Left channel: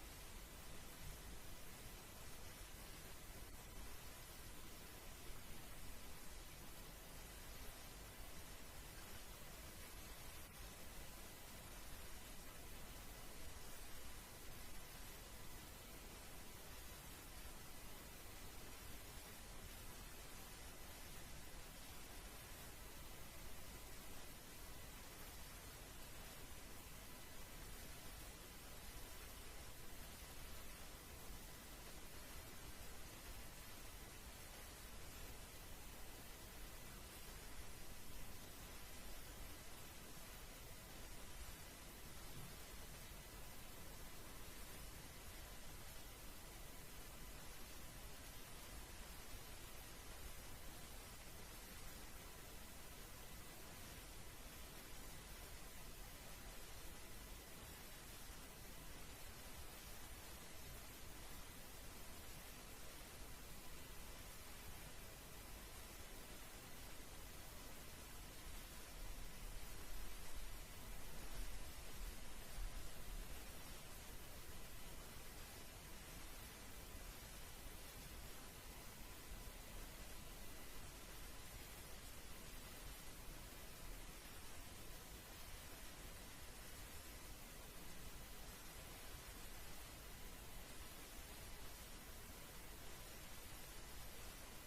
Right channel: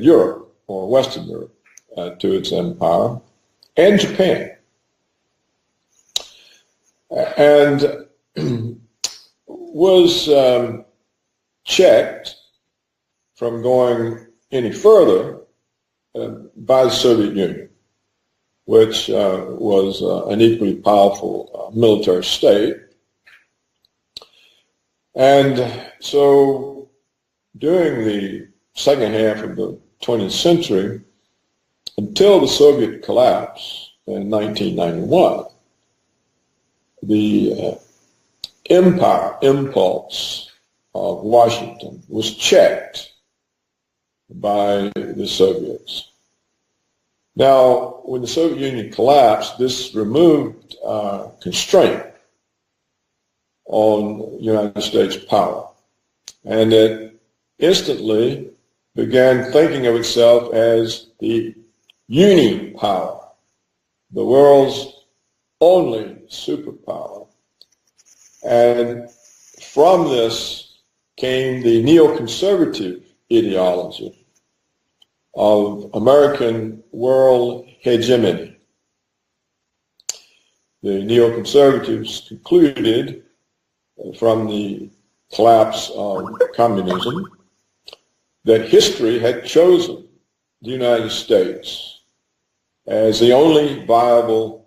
Europe, or Western Europe, to its empire, and Japan. And was checked from going any further by the Soviet Union, which was an equally powerful military state. And so during the second half of the 20th century, until the Soviet collapse in 1991, the empire impulse of Washington was checked by the Soviets. Now, when the Soviet Union collapsed, this removed constraint on United States power. And it instantly began thinking of itself as the uni-power, the world's only superpower. And from this came the neoconservative ideology of American world hegemony. The neoconservatives concluded from the collapse of communism that history had chosen the United States as the only viable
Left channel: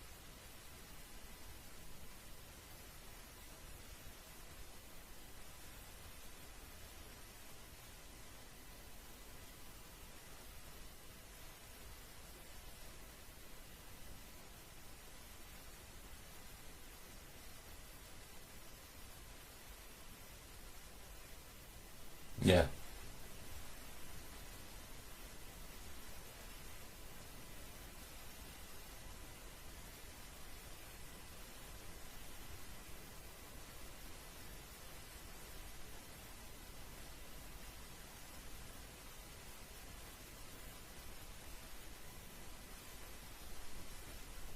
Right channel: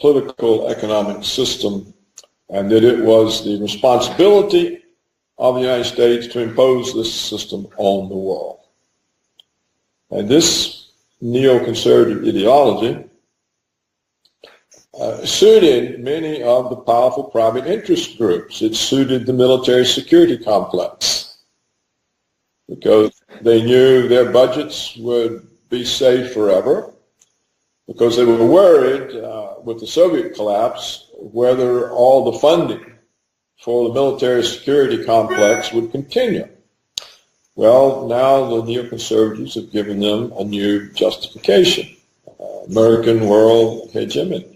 political economic system, and that it was the responsibility of the United States to impose this system on the world. And this neoconservative ideology suited many of the powerful private interest groups. It suited the military security complex, because they knew their budgets would be safe forever, because they were worried with the Soviet collapse whether all the funding for the military security complex would continue. Well, now the neoconservatives have given them a new justification, American world hegemony.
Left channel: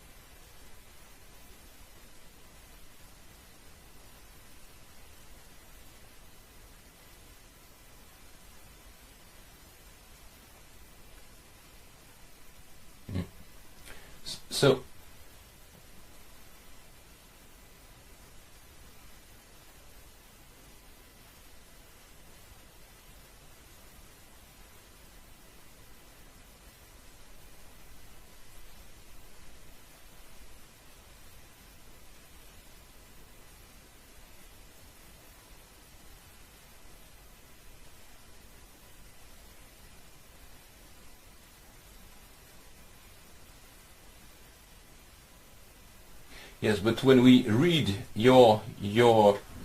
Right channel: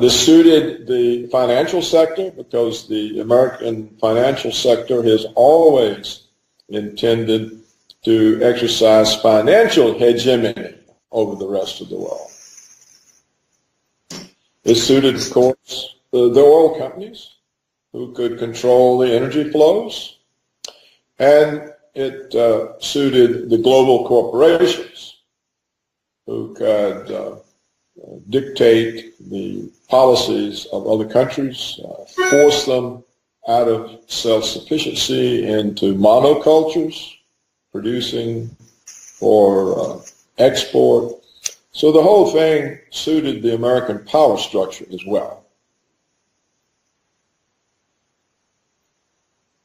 This suited the financial sector, because the American financial sector has always intended to exercise financial hegemony over the rest of the world. So, this suited, of course, the oil companies, who could control the energy flows, and it suited the global corporations, who could dictate the policies of other countries, force them out of self-sufficiency into monocultures, producing for export. So the whole thing suited the American power structure as well. yes, but when we read your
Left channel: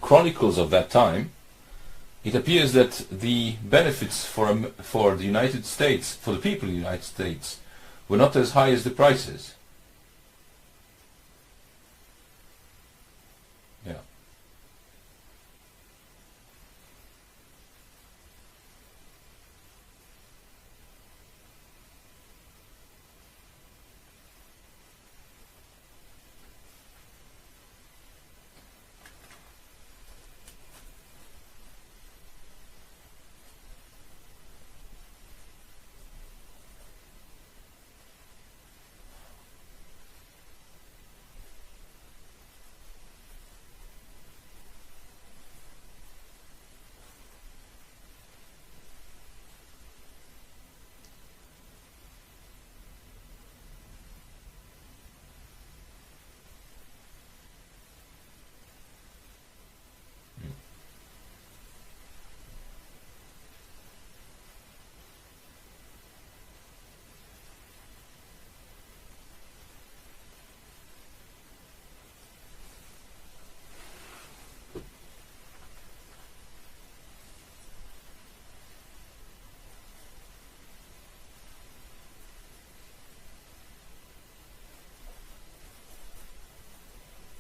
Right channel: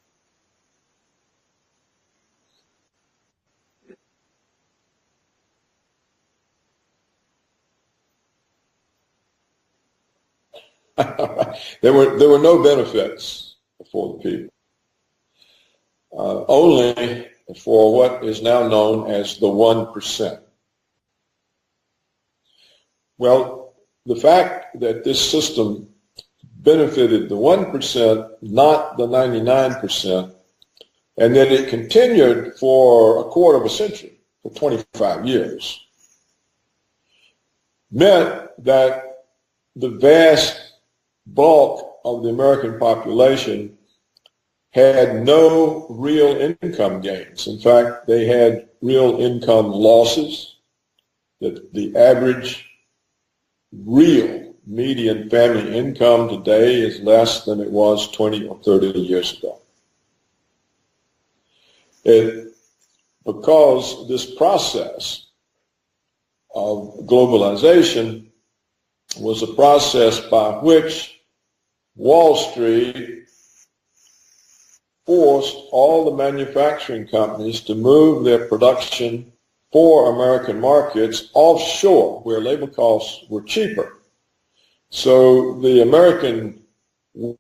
chronicles of that time, it appears that the benefits for the United States, for the people of the United States, were not as high as the prices. There were no benefits for the people. Only for what is now known as the 1%. Well, the fact that this system benefited the 1%, not the 99%, and that it continued for a quarter of a century, for 25 years, meant that the vast bulk of the American population had no real income gains. In fact, they had real income losses. That the average real median family income today is less than it was 20 or 30 years ago. Because this process of globalization was a process by which Wall Street forced all the manufacturing companies to move their production for American markets offshore, where labor costs were cheaper. So the American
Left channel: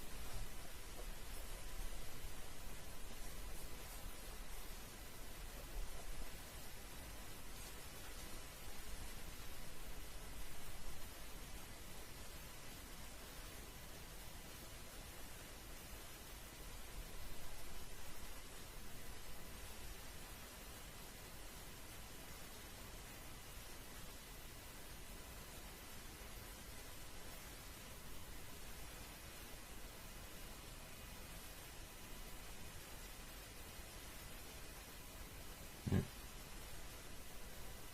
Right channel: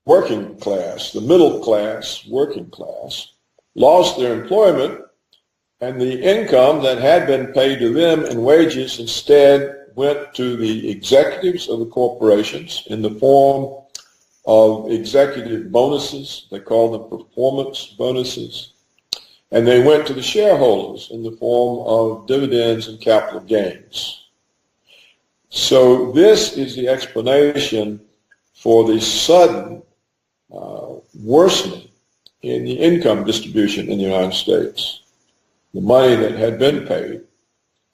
working class, the middle class, working class, lost their employment, and the income that had been paid to them in wages instead went to the executives of the corporations in the form of executive bonuses. They call them performance bonuses. And they went to the shareholders in the form of dividends and capital gains. So this is the explanation for the sudden worsening in the income distribution in the United States. The money that had been paid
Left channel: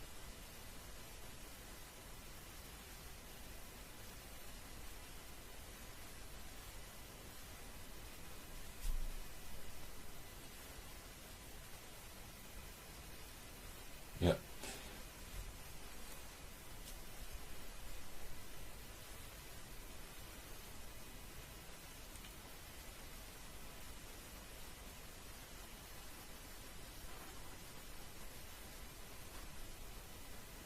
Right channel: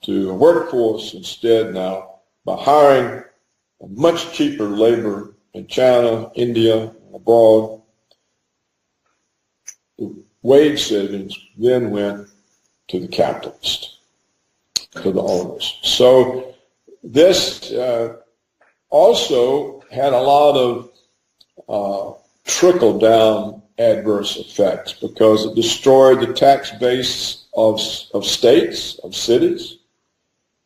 to a workforce instead now, by hiring much cheaper labor in China, India, abroad, wage savings then went to the capitalist, to the owners. So this also had a lot of trickle-down adverse effects because it destroyed the tax base of states, of cities.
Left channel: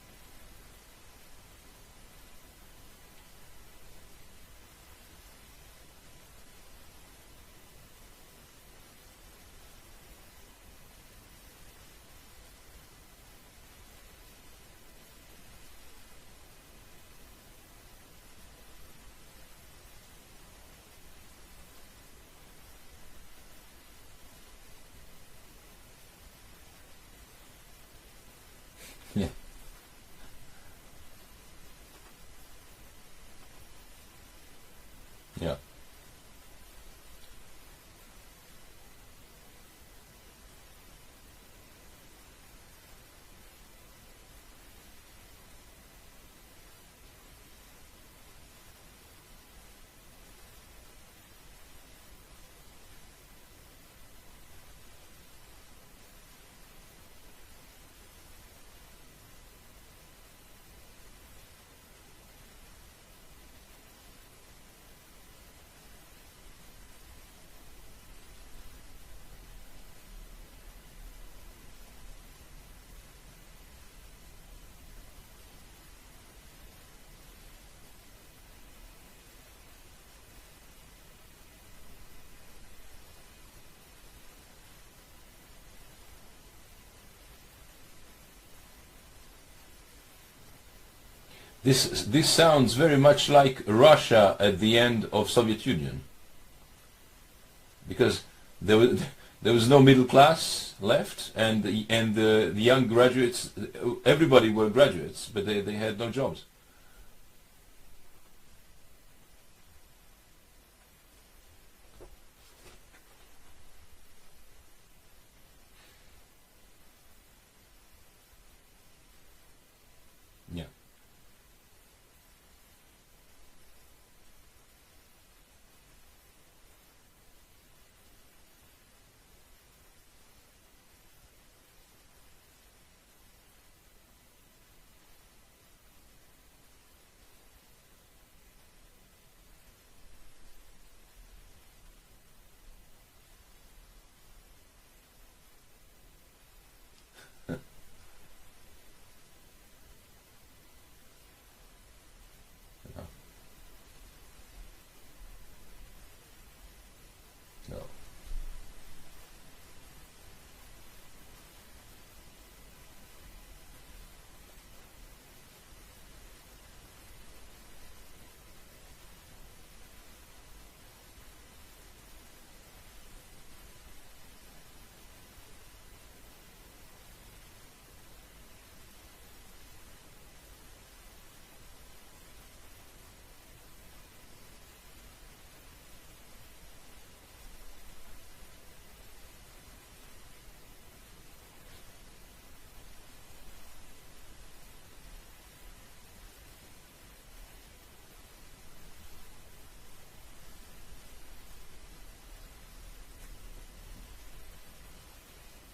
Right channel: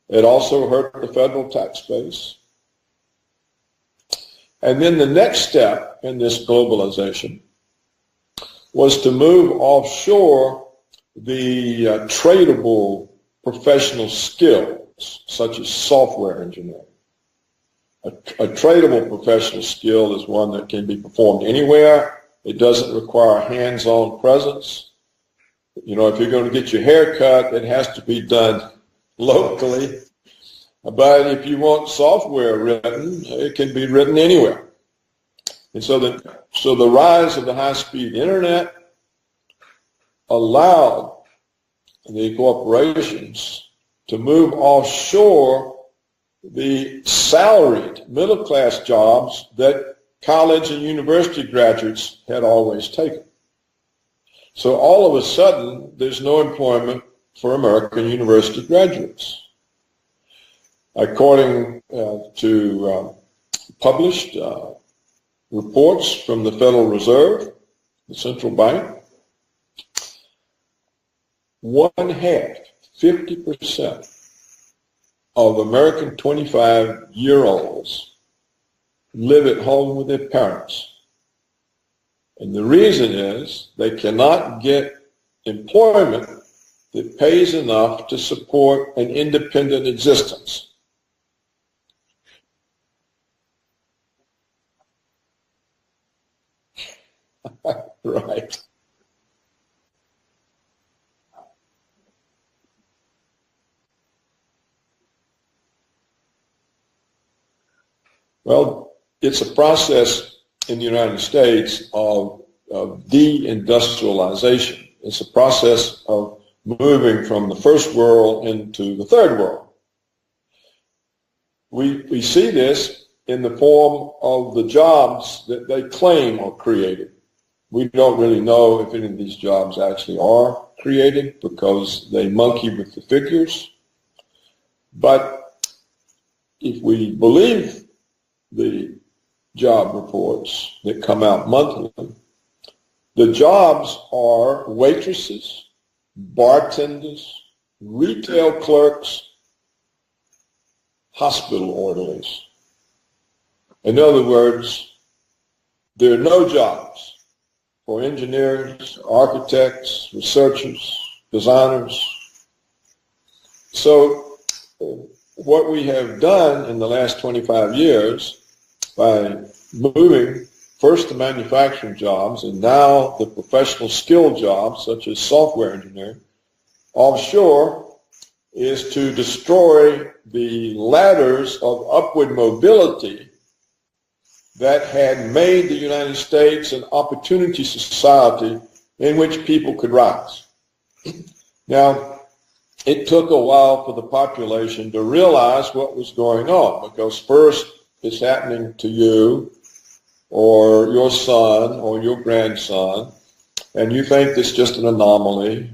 It also hurt the federal tax base. And then the next step in this globalization was to move offshore the tradable professional skills, such as software engineering. A tradable professional skill is one that can be performed anywhere. It doesn't require hands-on presence. You know, if you're going to get your hair cut, it has to be done locally. But if you want software written, it can be written anywhere. Yeah. And so the rise of the high-speed internet allowed the corporations to move offshore the salaried middle-class jobs that college and university graduates had always taken. So all of a sudden, there's no employment for American university graduates. According to published reports from the Federal Reserve, the central bank, 50% of American 25-year-olds live at home with their parents. And the reason is they cannot get employment that pays enough to support an independent existence. This sounds very much like Russia at the end of Soviet Union, because right. there was no middle class left, and the young graduates, everybody were graduates, but they had no jobs. Well, it's a process in the United States of deindustrialization. It's a process of moving from the first world into the third world. We see this in the form of the jobs that they claim are created. We don't really know if any of these jobs actually are created because they monkey with the figures. But if we believe the job reports that come out monthly, the jobs are waitresses, bartenders, retail clerks, hospital orderlies. In other words, there are no jobs for engineers, architects, researchers, designers. So what we have done in the last 25 years by moving first the manufacturing jobs and now the professional skill jobs such as software engineering offshore is to destroy the ladders of upward mobility that had made the United States an opportunity society in which people could rise. Now, it took a while for the population to realize what was going on, because first it's happening to you or your son or your grandson, and you think it's just an anomaly,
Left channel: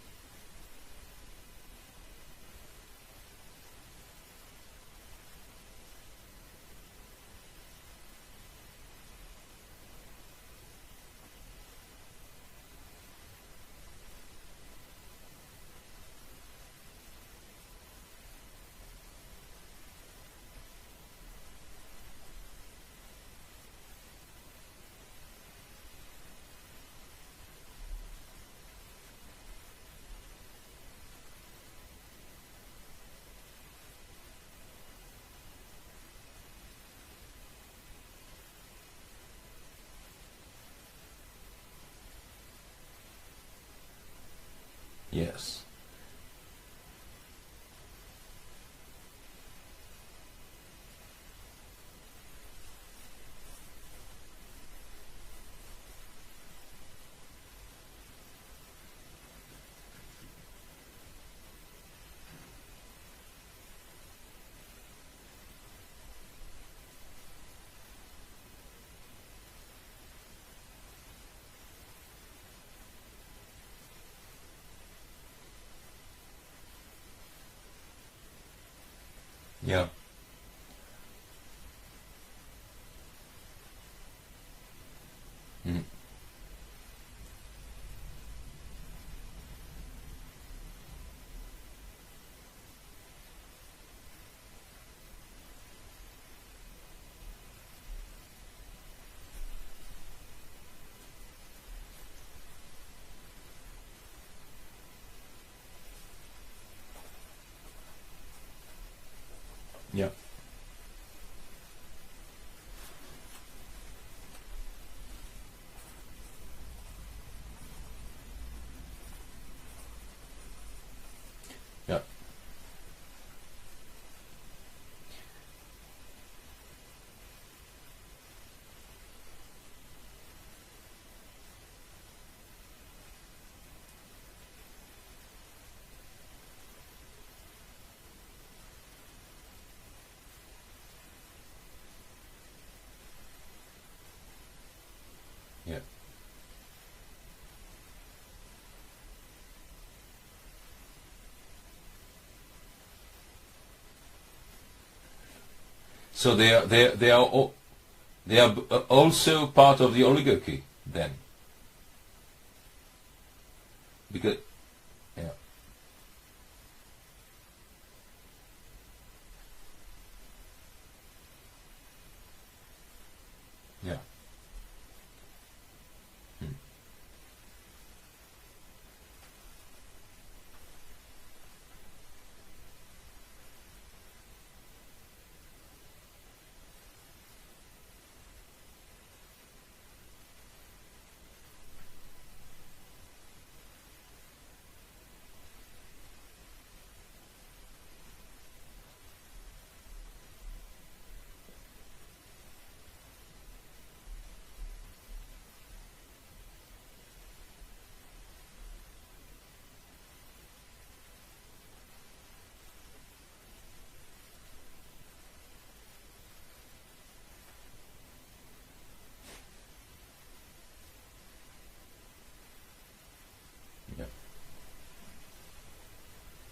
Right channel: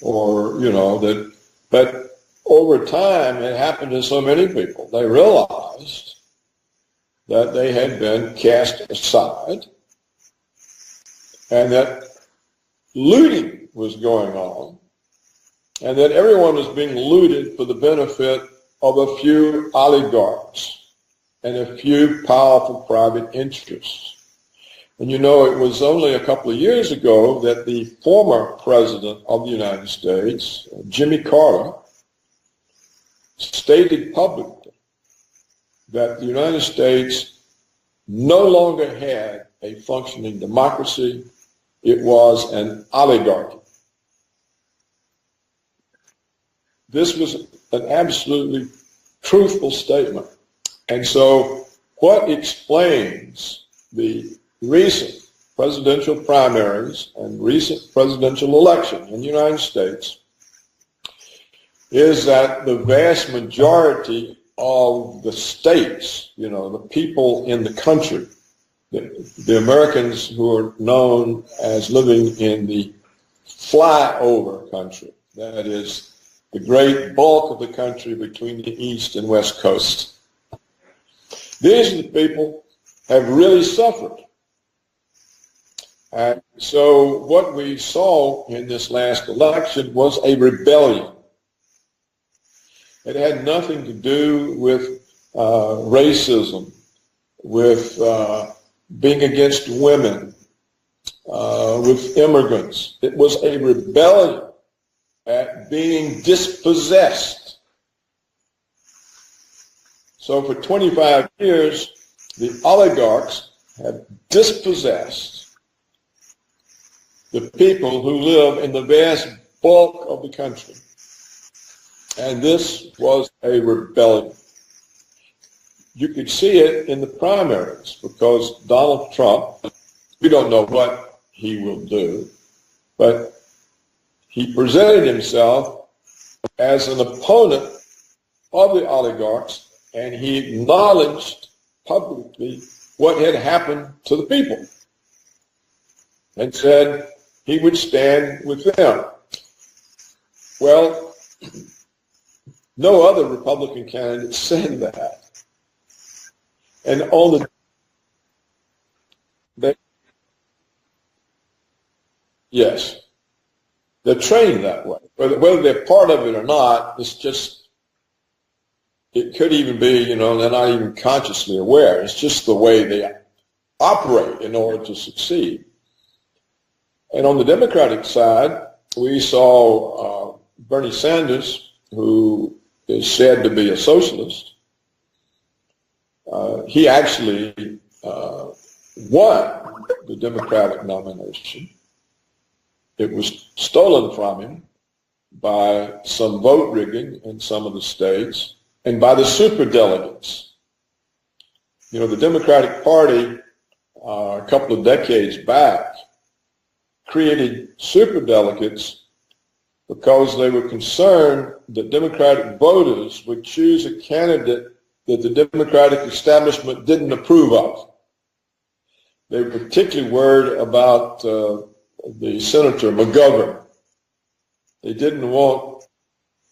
or, you know, that, but over time, it happened to so many people. They realized that they had been cast aside and that looting was going on and that everyone was being looted for the benefit of a few oligarchs and a few powerful private interests. And you know, it was only a couple of years ago that the former president of the United States, Jimmy Carter, stated publicly that the United States no longer had a functioning democracy. It was an oligarchy. Yes. This was an absolutely truthful statement. And so what explains the recent presidential primaries and recent presidential election in the United States is that the vast majority of the states, you know, the people in the country, the Americans who are known as living in the flyover country, that is the great bulk of the country between the East and West Coast. These are the people have really suffered. And so what we saw in this last election was a rebellion. It had nothing to do with racism, with being against women, with immigrants. It was a rebellion at being dispossessed. Yeah. So for 25 years, the oligarchs have dispossessed the people who live in the vast bulk of the country. Yeah. And this was a rebellion. You could see it in the primaries because Donald Trump, we don't know what he will do, but he presented himself as an opponent of the oligarchs, and he acknowledged publicly what had happened to the people. Yeah. And said he would stand with them. Well, no other Republican candidate said that. So they are also part of the oligarchy then? Yes. They're trained that way. Whether they're part of it or not, it's just, it could even be, you know, they're not even consciously aware. It's just the way they operate in order to succeed. And on the Democratic side, we saw Bernie Sanders, who is said to be a socialist. He actually won the Democratic nomination. It was stolen from him by some vote rigging in some of the states and by the superdelegates. You know, the Democratic Party a couple of decades back created superdelegates because they were concerned that Democratic voters would choose a candidate that the Democratic establishment didn't approve of. They were particularly worried about the Senator McGovern. Yeah. They didn't want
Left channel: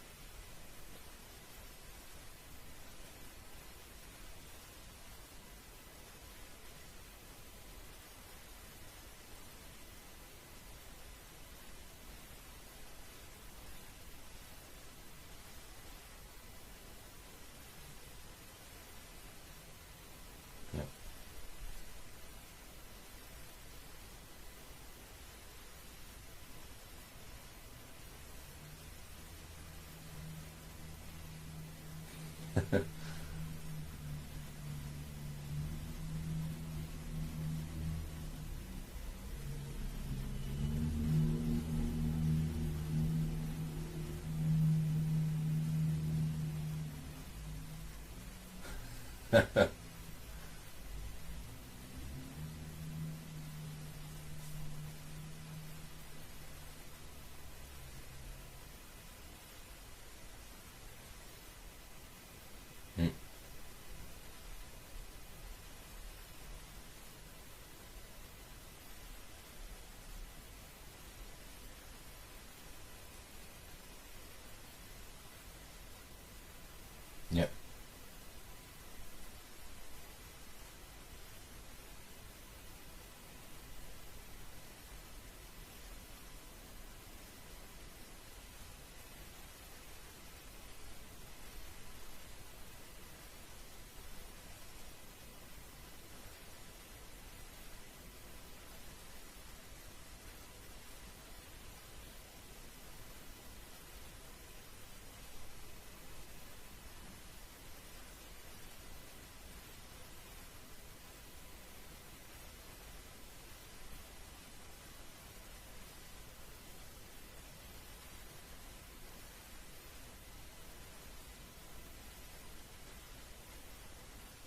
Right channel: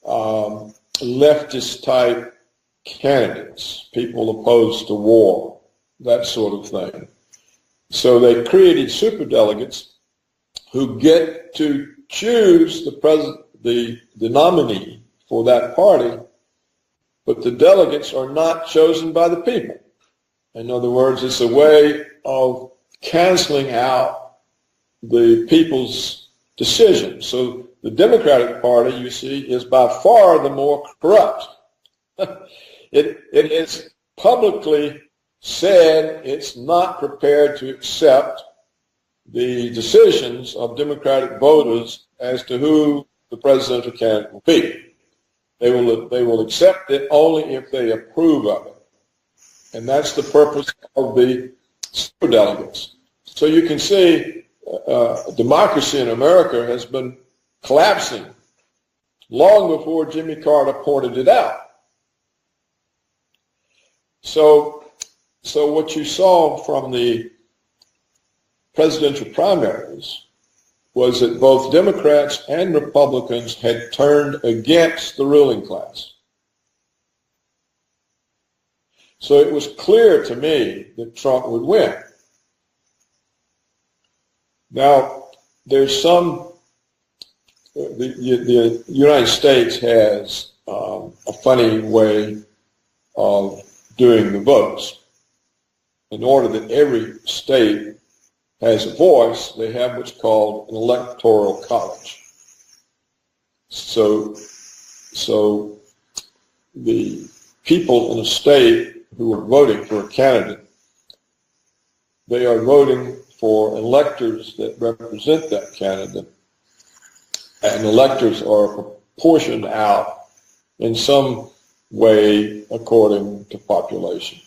leftist-type candidates, people opposed to war, that sort of thing. So they created superdelegates who get to choose the nominee for that party, but the delegates are not chosen by the people. In other words, it's a way of canceling out the people's decision. So the Democratic Party, you see, is by far the more corrupt. It has publicly said it's not prepared to accept the decisions of Democratic voters as to who the presidential candidate will be. They will accept it only if they approve of it. And that's the purpose of the superdelegates. So you can see democracy in America has been collapsing long before Jimmy Carter pointed it out. So what you saw from the presidential primaries was that both Democrats and Republicans had turned against the ruling class. Yeah. So it was clear to me that Trump would win. Now, there's the United States has a funny way of doing the votes. In order that every state has a voice, they have what's called an electoral college. So the people in a state who are voting for a candidate, they are voting for electors that represent that candidate. and electors are proportioned out in some way according to population.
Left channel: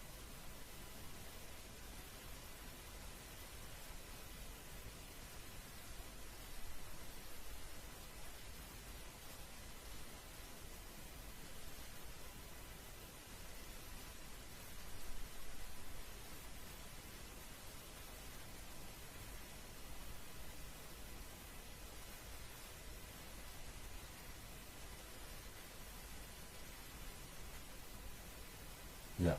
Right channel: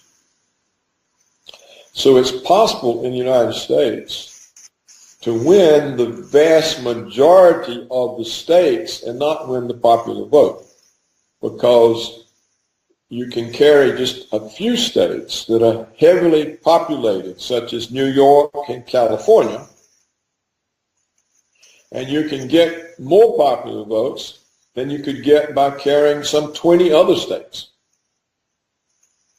So it's possible in the United States to win the vast majority of the states and not win the popular vote, because you can carry just a few states that are heavily populated, such as New York and California, and you can get more popular votes than you could get by carrying some 20 other states. Yeah.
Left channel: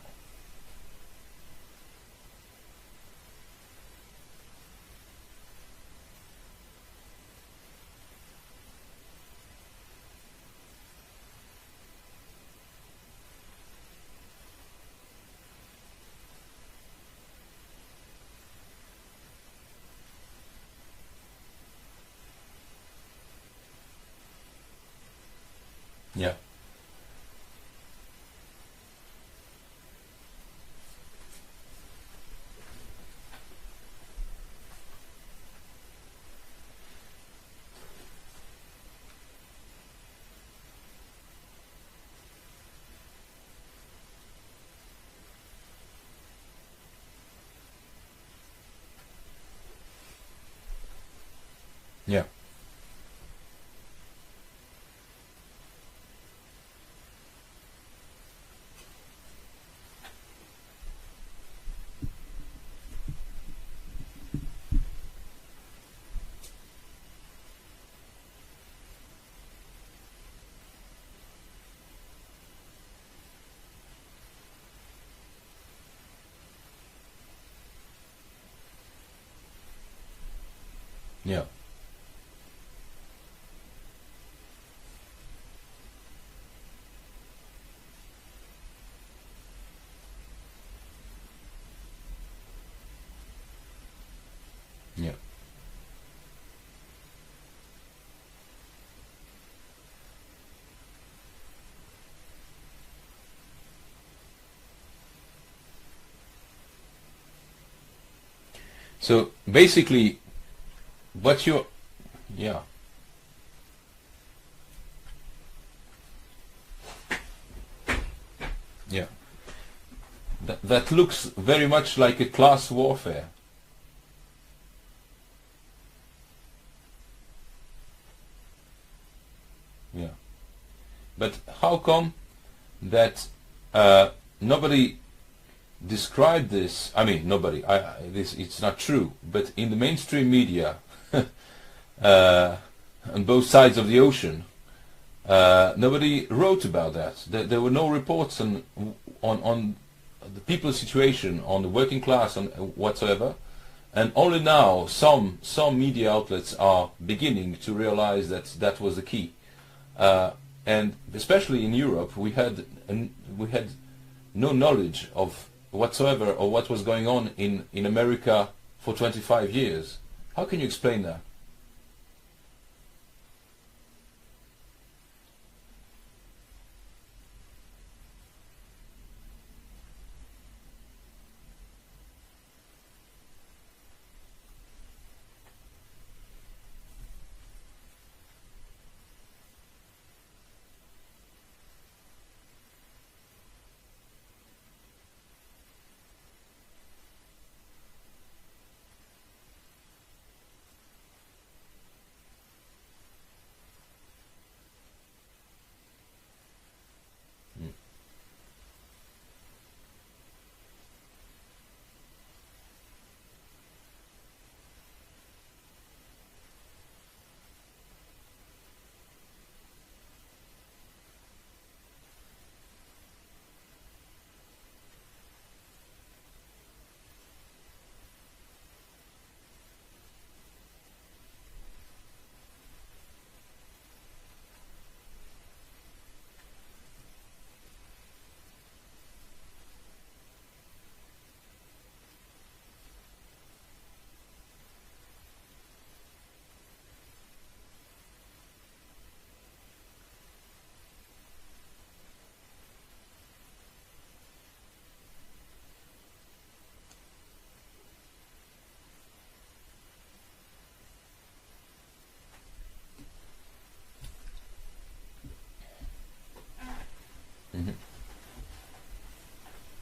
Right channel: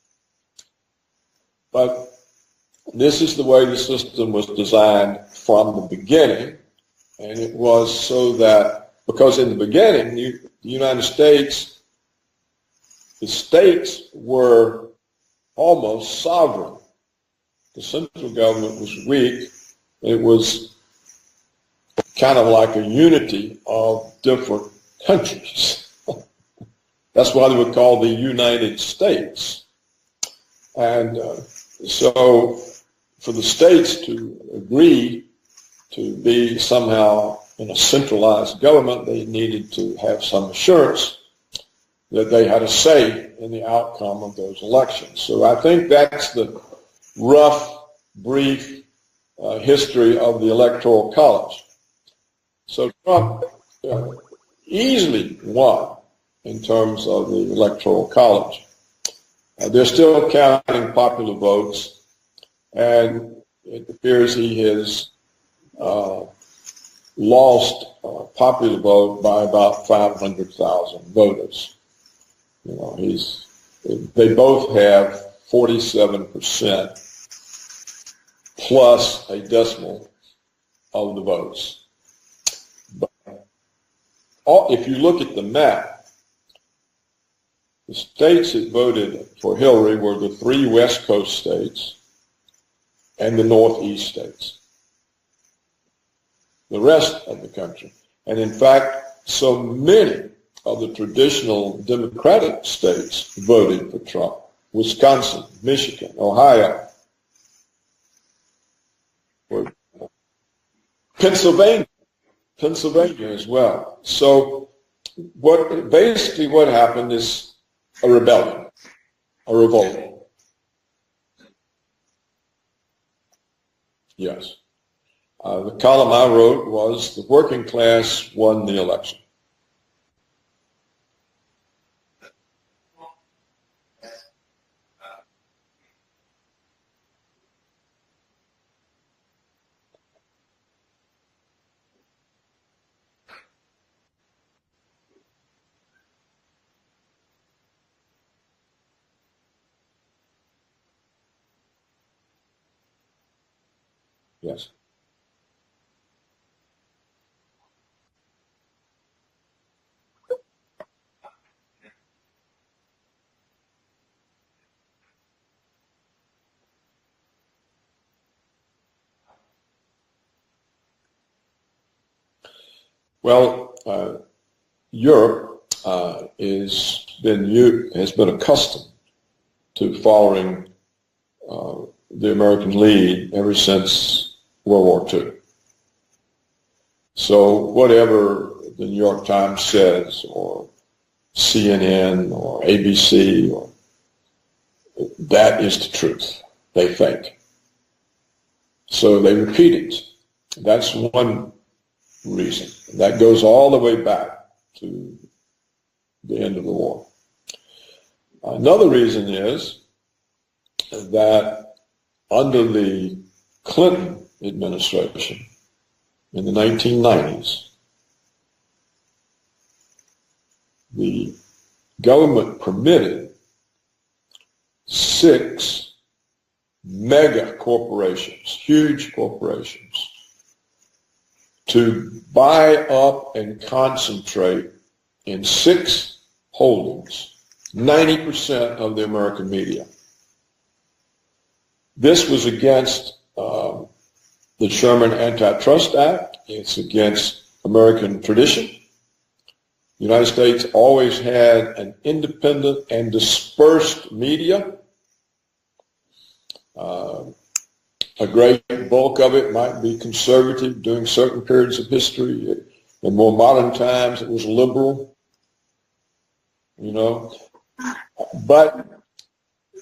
But this is the way the system was designed from the beginning, and it was so that, because in the beginning, the United States, the states were almost sovereign. The central government was weak. It was kind of like a unity of different countries. Yeah. That's why they were called the United States. And so for the states to agree to be somehow in a centralized government, they needed to have some assurance that they had a say in the outcome of those elections. So I think that's the rough, brief history of the Electoral College. Yeah. So Trump easily won in terms of the Electoral College. They're still counting popular votes, and it appears he has lost popular vote by about 500,000 voters. You know, they both have 47% plus a decimal of the votes. But if you look at the map, the states that voted for Hillary were the 3 West Coast states and the Northeast states. Yeah. The rest of the country. And in fact, so many of the traditional Democratic states voted for Trump. Wisconsin, Michigan, Ohio. So basically... Pennsylvania. Yeah. Pennsylvania as well. So what happened is a rebellion. Yeah. A revolt. That looks very much like a class warfare. Yes. The column I wrote was the working class won the election. Yeah. But how come that nobody described this? I mean, nobody. It's not true. But in the mainstream media, on both sides of the ocean, nobody wrote about that. There were no reports on the people's situation, on the working class, on whatsoever. And only now some media outlets are beginning to realize that that was the key. And especially in Europe, we had no knowledge of whatsoever of what was going on in America for 25 years. How can you explain that? Well, Europe has been accustomed to following the American lead ever since World War II. So whatever the New York Times says, or CNN, or ABC, or that is the truth, they think. So they repeat it. That's one reason. That goes all the way back to the end of the war. Another reason is that under the Clinton administration in the 1990s, the government permitted 6 mega corporations, huge corporations, to buy up and concentrate in 6 holdings 90% of the American media. This was against the Sherman Antitrust Act. It's against American tradition. The United States always had an independent and dispersed media. A great bulk of it might be conservative during certain periods of history. In more modern times, it was liberal, you know. But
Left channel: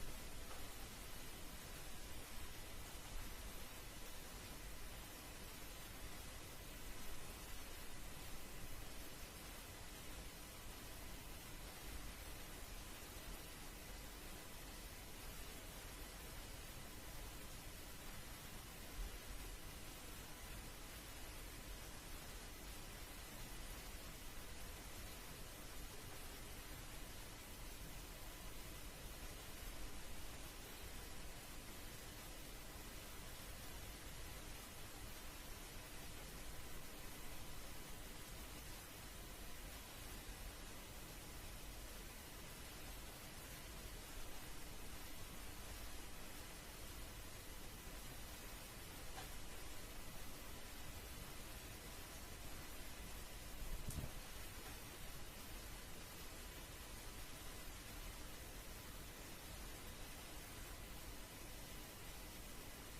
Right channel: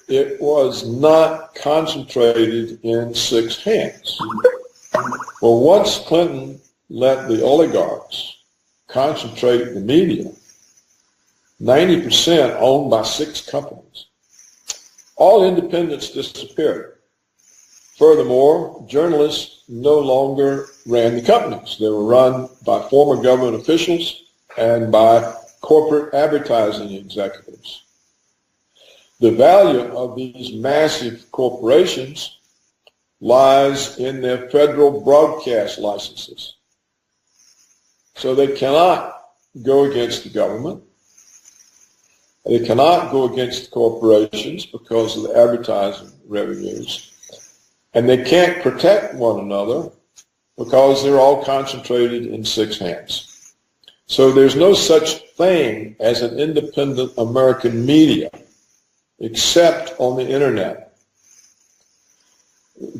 it was not concentrated in 6 hands. Well, once Clinton let the oligarchs concentrate the media, 90% owned by 6 companies, all independence disappeared. Furthermore, journalists no longer ran the companies. They were run by former government officials and by corporate advertising executives. The value of these massive corporations lies in their federal broadcast licenses. So they cannot go against the government. They cannot go against the corporations because of the advertising revenues. And they can't protect one another because they're all concentrated in 6 hands. So there's no such thing as an independent American media except on the internet.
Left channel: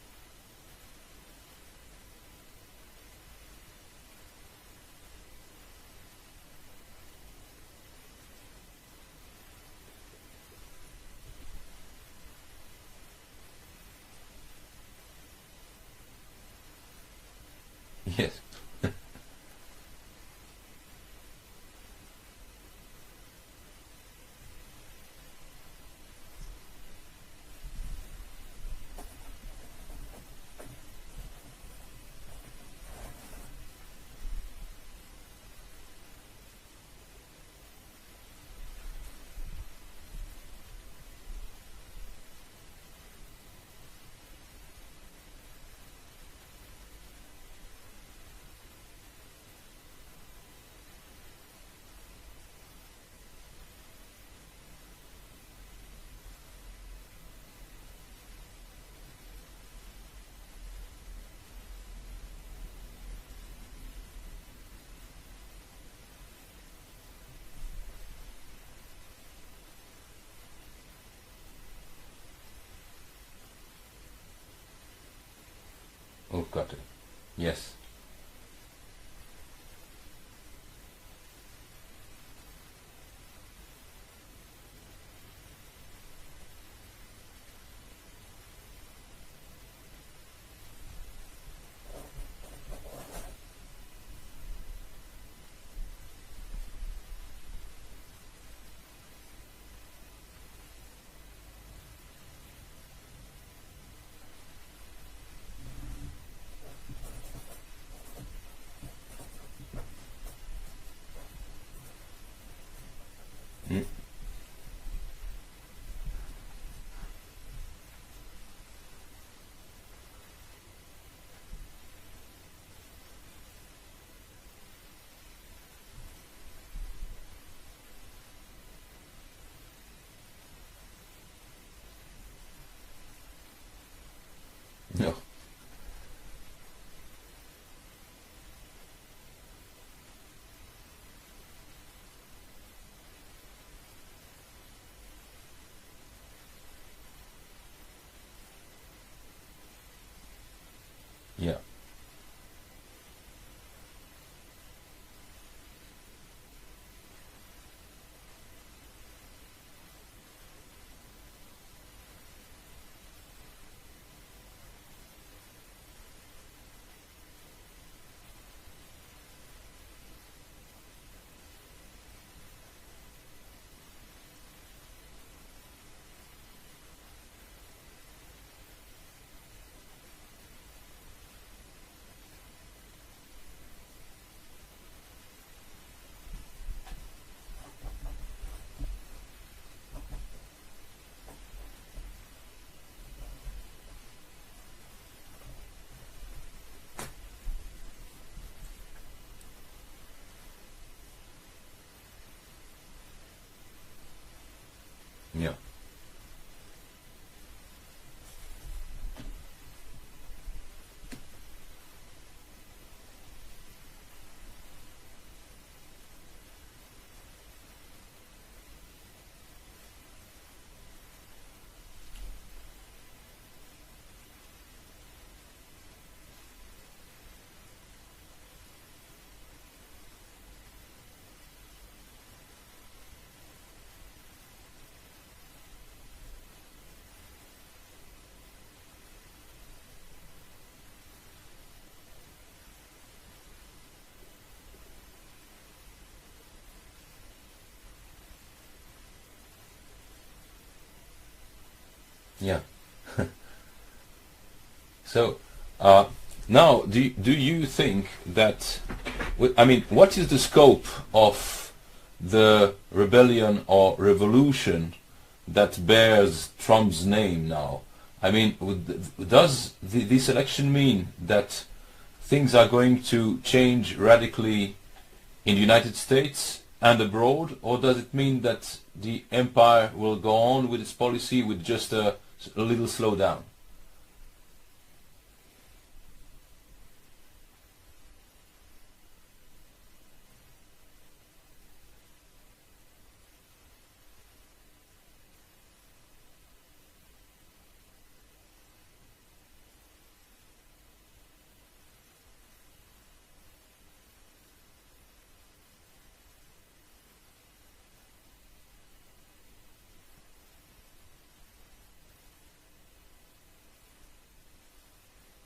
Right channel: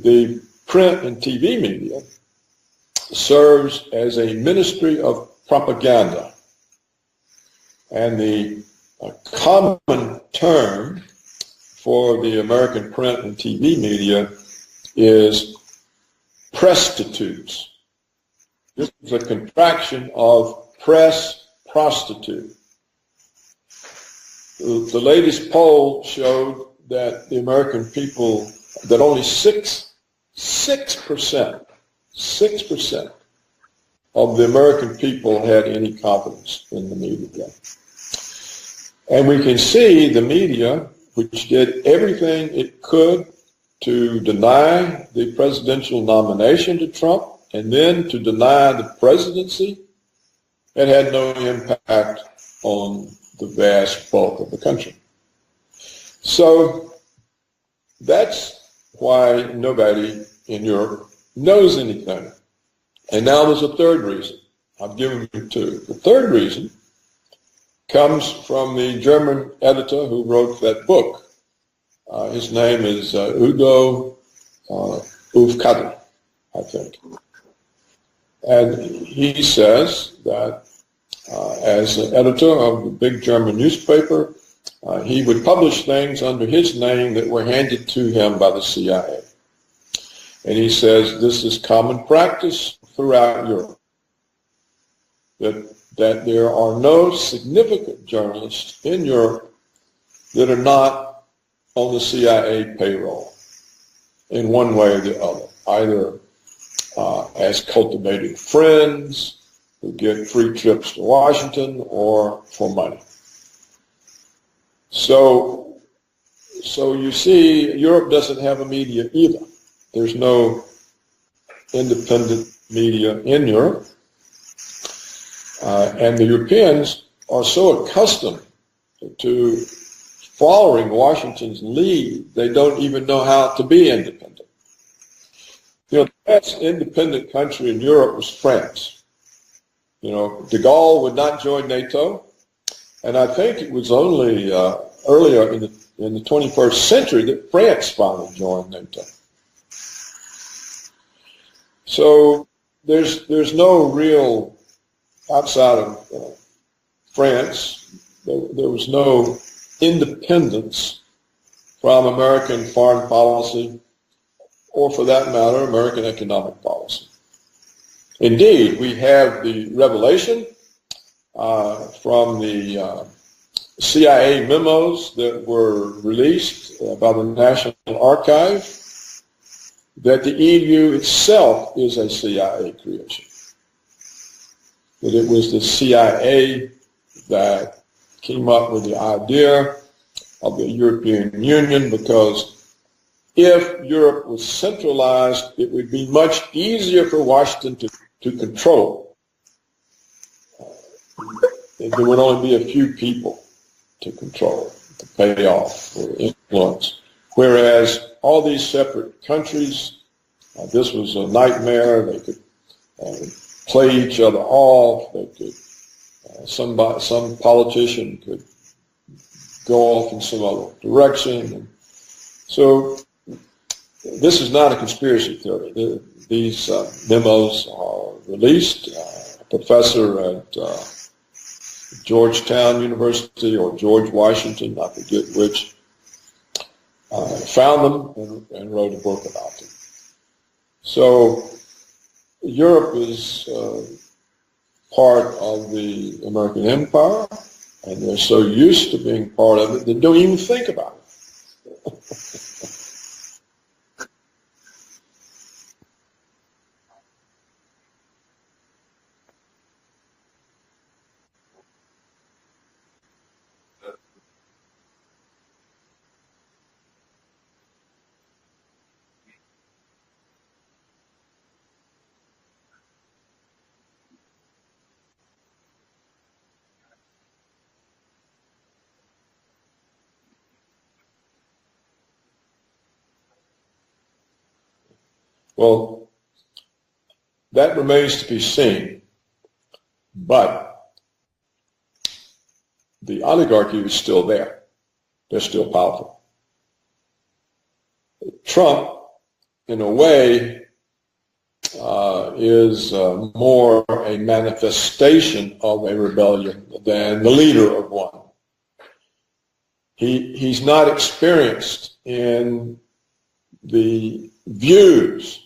The print and TV media serves as a ministry of propaganda. And the common term for the American print and TV media is prostitutes. Yes. This is a contraction of press prostitute. The latest poll showed that the American people, that only 6% of the American people had any confidence in the media. And we can see the media, which did everything it could to deny the presidential nomination to Trump and then to deny the presidency, it had no impact on the vast bulk of the country. So that's why nobody in Europe knows anything. And now there's a third reason. I've given you 2. The third reason comes from the German editor who wrote that book. His name is Udo Aufkadr, I think. Yes. And he says that as an editor of the big German newspaper, he would publish things under his name that were handed to him by the CIA. And he says this is common practice throughout Europe, that there are no significant journalists in Europe that are not on the CIA payroll in one way or the other, either as cultivated friends who get free trips to Washington or for money. So you see, Europe doesn't have a media either. There's no independent media in Europe. And the Europeans are so accustomed to following Washington's lead, they don't even know how to be independent. No. You know, the best independent country in Europe was France. You know, de Gaulle would not join NATO, and I think it was only earlier in the 21st century that France finally joined NATO. Yeah. So there's no real, outside of France, there was no independence from American foreign policy, or for that matter, American economic policy. Indeed, we have the revelation from the CIA memos that were released by the National Archive that the EU itself is a CIA creation. That it was the CIA that came up with the idea of the European Union, because if Europe was centralized, it would be much easier for Washington to control. There would only be a few people to control, to pay off, or influence. Whereas all these separate countries, this was a nightmare. They could play each other off. They could, some politician could go off in some other direction. And so this is not a conspiracy theory. These memos are released professor at Georgetown University or George Washington, I forget which, found them and wrote a book about them. So Europe is part of the American empire, and they're so used to being part of it, they don't even think about it. Yeah. So now, do you think that, I mean, what is the scope of the rebellion or revolution that bears Trump's name now? I mean, does this election mean that things are going to change radically in the United States and abroad, or does it mean that the empire will go on with its policy with just a little slowdown? Well, that remains to be seen, but the oligarchy is still there. They're still powerful. Trump, in a way, is more a manifestation of a rebellion than the leader of one. He's not experienced in the views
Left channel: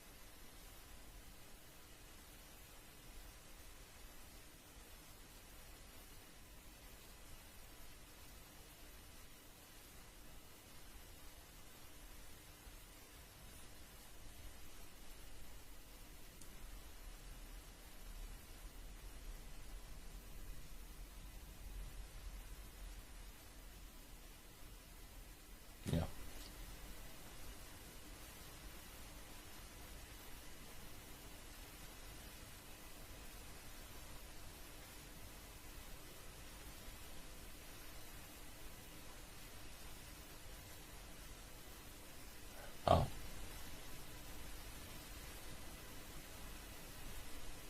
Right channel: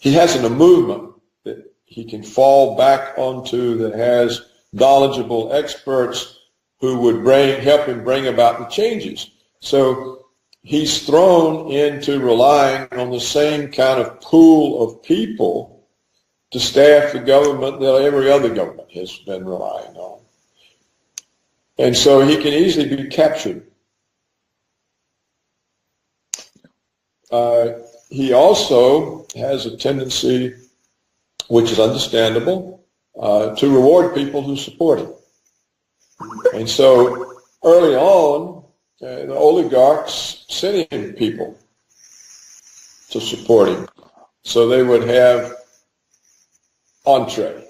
he hasn't a movement that he can fall back onto that has knowledgeable experts who would help him bring about the changes. So he's thrown into relying on the same kind of pool of people to staff the government that every other government has been relying on. And so he can easily be captured. Yeah. He also has a tendency, which is understandable, to reward people who support him. And so early on, the oligarchs sent him people to support him, so they would have entree.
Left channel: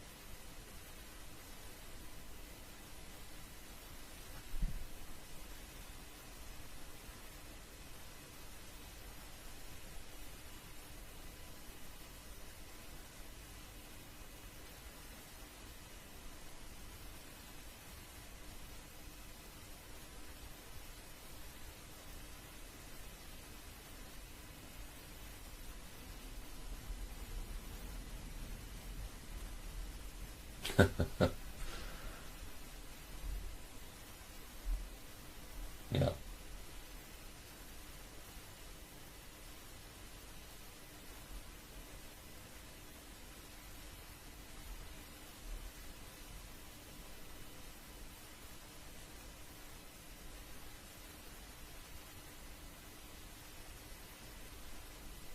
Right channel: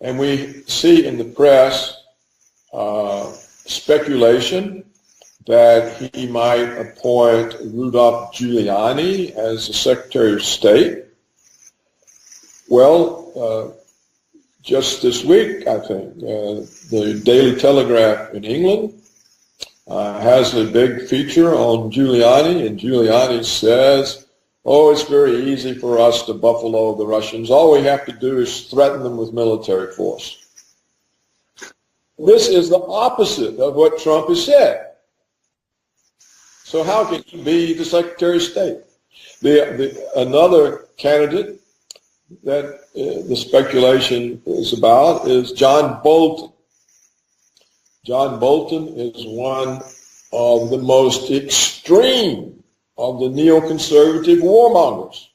And we see in the press speculation that he might appoint Rudolph Giuliani as the Secretary of State. Well, just this week, I think, the Daily Telegraph in England has a big feature on Giuliani, and Giuliani says, oh, it's very easy for us to buffalo the Russians. All we have to do is threaten them with military force. This is the opposite of what Trump has said. Yeah. So how can he be the Secretary of State? Another candidate that the speculation is about is John Bolton. John Bolton is one of the most extreme of the neoconservative warmongers,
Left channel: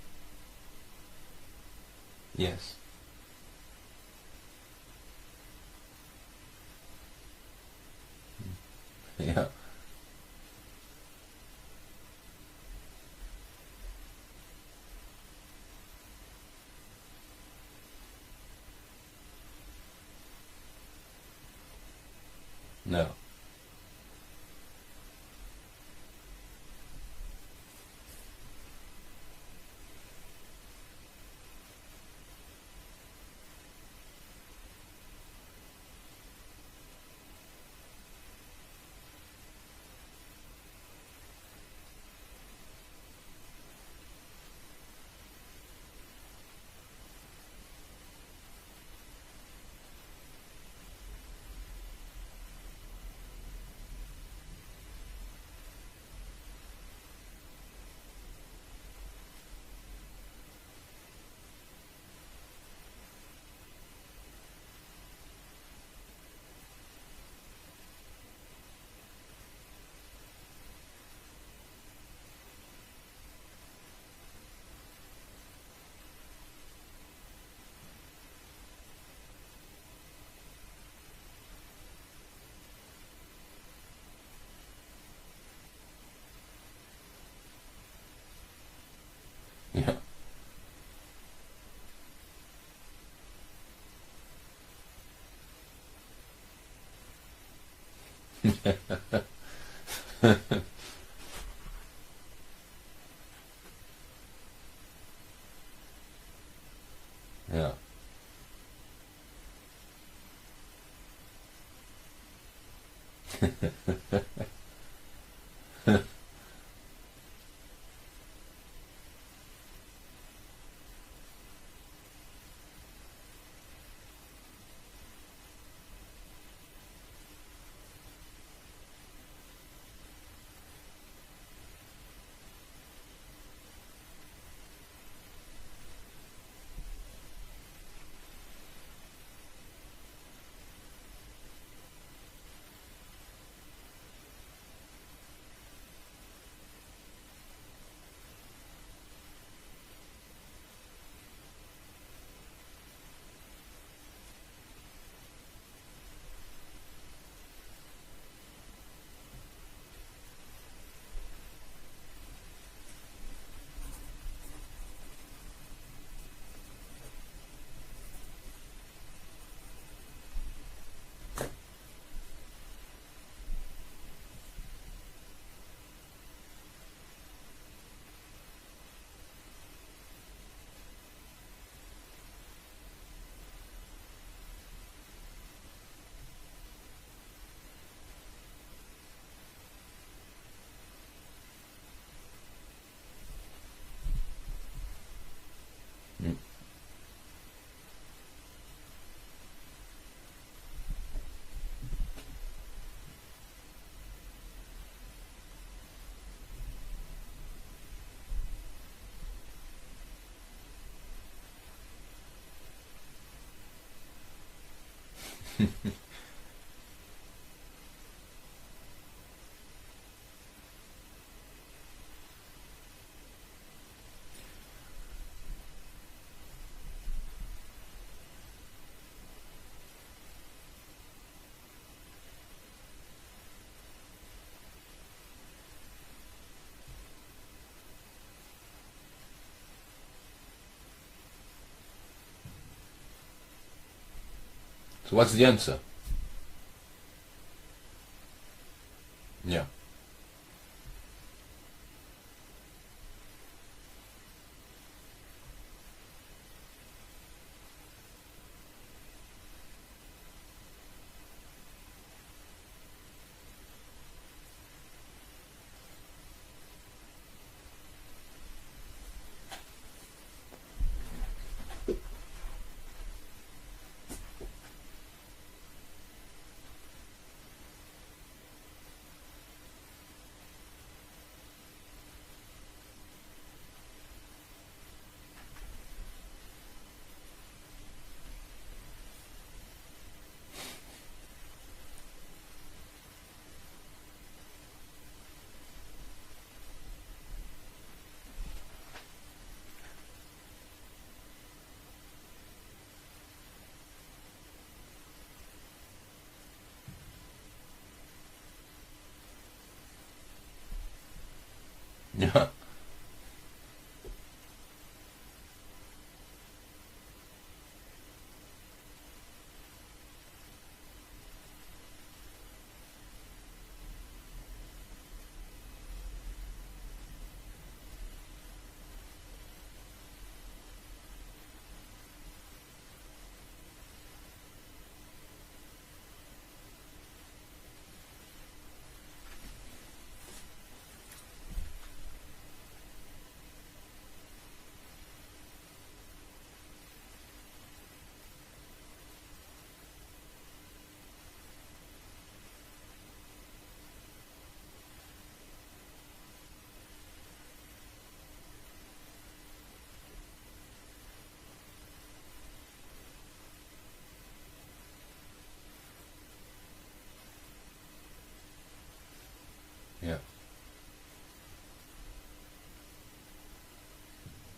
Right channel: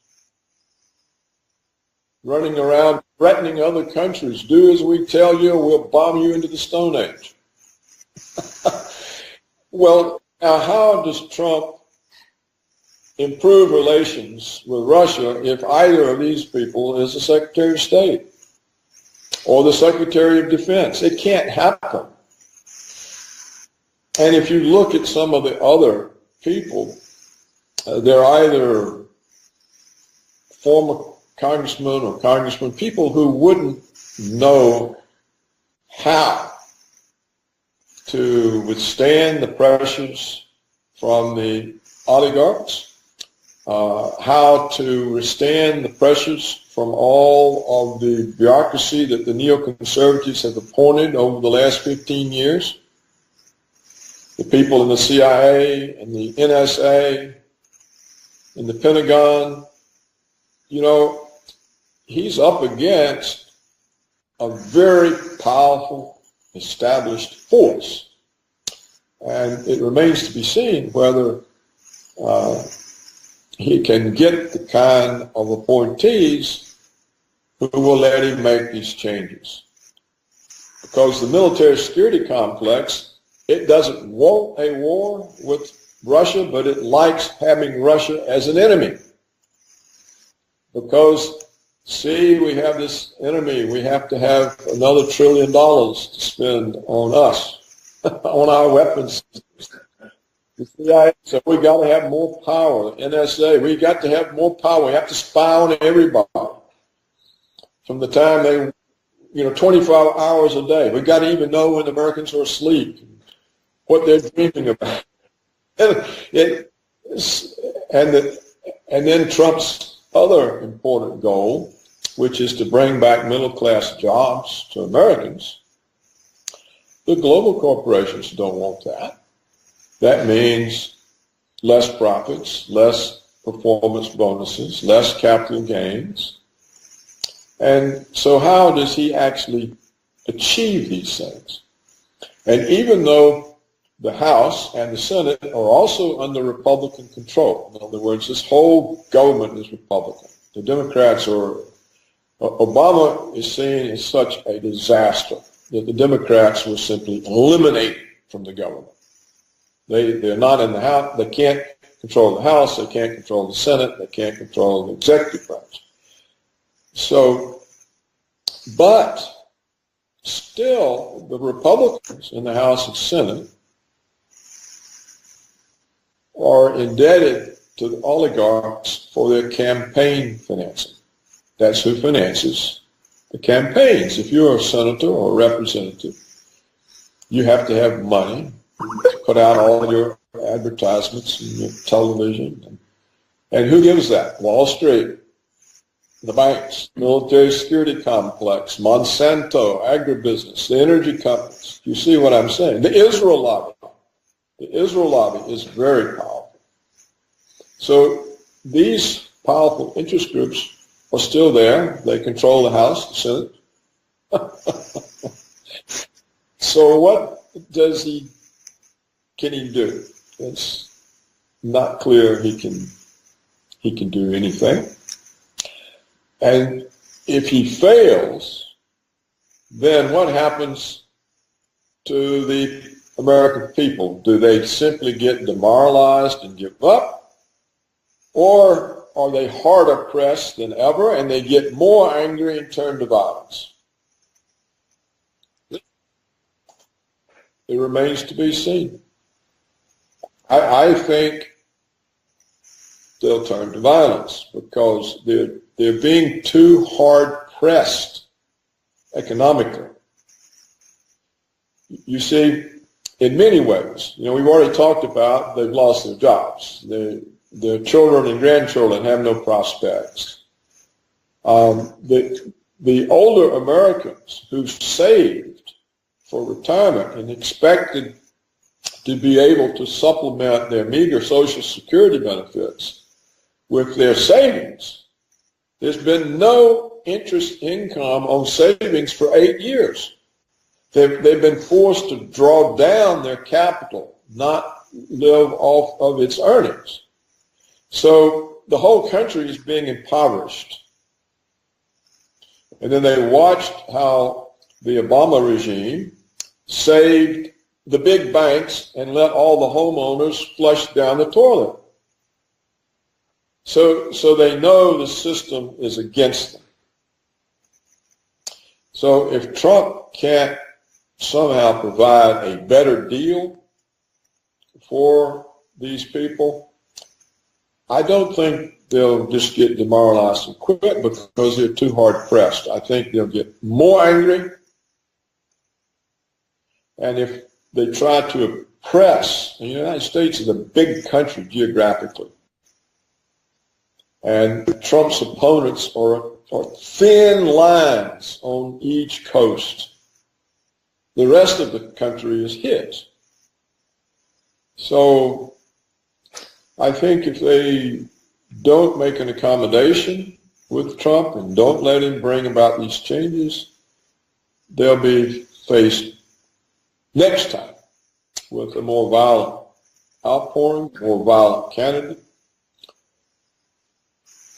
running around threatening other countries. Do as we tell you, we'll bomb you into the Stone Age. Yeah. Well, now how does Trump improve relations with Russia if either of these people is the Secretary of State or the Secretary of Defense? It can't happen. No. And if you look at some of the other people, they're either former congressmen or congressmen, people who wouldn't know how to withstand the pressures from the oligarchs, how to withstand the pressures from all of the bureaucracy that the neoconservatives have appointed over the last 15 years. The people in the CIA and the NSA and the Pentagon, you know, he's up against a very powerful, established force. And it remains to be seen whether he can get the kind of appointees who will let him make these changes. Because the military security complex, it doesn't want a war with Russia, but it likes having Russia as an enemy. Yeah. Because, see, we have this enemy. We have to have another $1 trillion to spend on us, on our weapons. So we got to have more power. NSA, we got to have more power. We have to spy on everybody. Yeah. From the time they, 25 hours a day. We got to even know when the Americans are asleep, what they're dreaming about. And, and then Trump's other important goal, which is to bring back middle-class jobs to Americans. The global corporations don't want that. That means less profits, less performance bonuses, less capital gains. And so how does he actually achieve these things? And even though the House and the Senate are also under Republican control, in other words, this whole government is Republican. The Democrats are, Obama is seen as such a disaster that the Democrats will simply eliminate from the government. They're not in the House, they can't control the House, they can't control the Senate, they can't control the executive branch. So, but still, the Republicans in the House and Senate are indebted to the oligarchs for their campaign financing. That's who finances the campaigns. If you're a senator or a representative, you have to have money to put out all your advertisements and your television. And who gives that? Wall Street, the banks, military security complex, Monsanto, agribusiness, the energy companies. You see what I'm saying? The Israel lobby. The Israel lobby is very powerful. So these powerful interest groups are still there. They control the House, the Senate. So what can he do? It's not clear he can do anything. And if he fails, then what happens to the American people? Do they simply get demoralized and give up? Or are they harder pressed than ever and they get more angry and turn to violence? So what's the answer? It remains to be seen. Yeah. I think they'll turn to violence because they're being too hard pressed economically. You see, in many ways, we've already talked about they've lost their jobs. Their children and grandchildren have no prospects. The older Americans who saved for retirement and expected to be able to supplement their meager Social Security benefits with their savings, there's been no interest income on savings for 8 years. They've been forced to draw down their capital, not live off of its earnings. So the whole country is being impoverished. And then they watched how the Obama regime saved the big banks and let all the homeowners flush down the toilet. Yeah. So they know the system is against them. So if Trump can't somehow provide a better deal for these people, I don't think they'll just get demoralized and quit because they're too hard pressed. I think they'll get more angry. And if they try to oppress, the United States is a big country geographically. And Trump's opponents are thin lines on each coast. The rest of the country is his. So I think if they don't make an accommodation with Trump and don't let him bring about these changes, they'll be faced next time with a more violent outpouring, more violent candidate.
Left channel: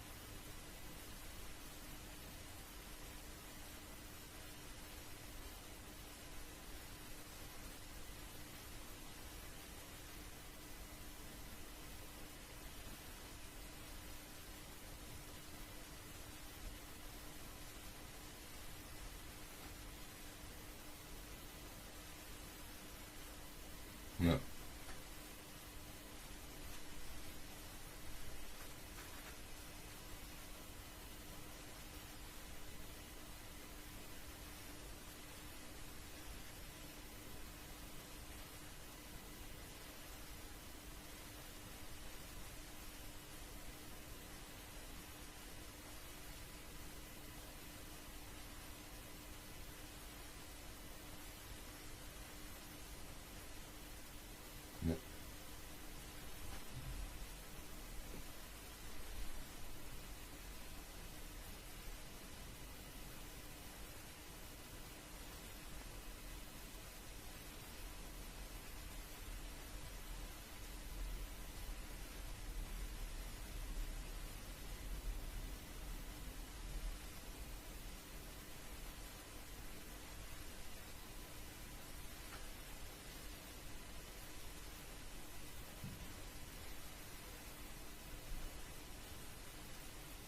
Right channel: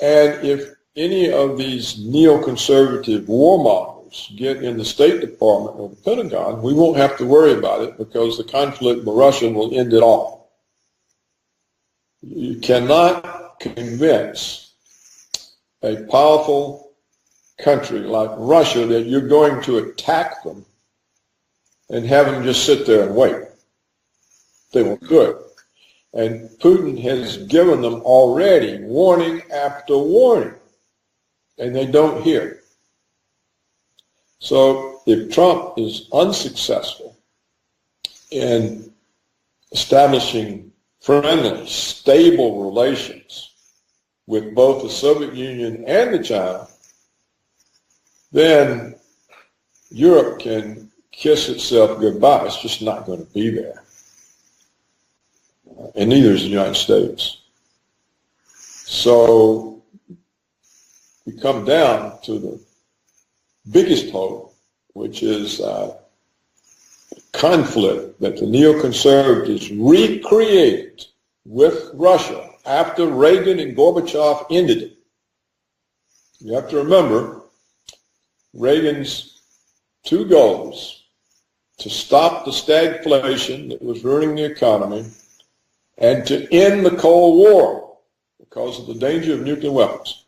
And if any of these neoconservative warmongers get in the State Department or the Pentagon, we won't have to worry about it because the conflict with Russia will end it all. You cannot convince a powerful country like Russia that you're going to attack them and have them just sit there and wait. No. They won't do it. And Putin has given them already warning after warning, and they don't hear. So if Trump is unsuccessful in establishing friendly, stable relations with both the Soviet Union and the China, then Europe can kiss itself goodbye. It's just not going to be there. And neither is the United States. So we come down to the biggest hope, which is conflict that the neoconservatives recreated with Russia after Reagan and Gorbachev ended it. You have to remember Reagan's two goals: to stop the stagflation that was ruining the economy and to end the Cold War because of the danger of nuclear weapons.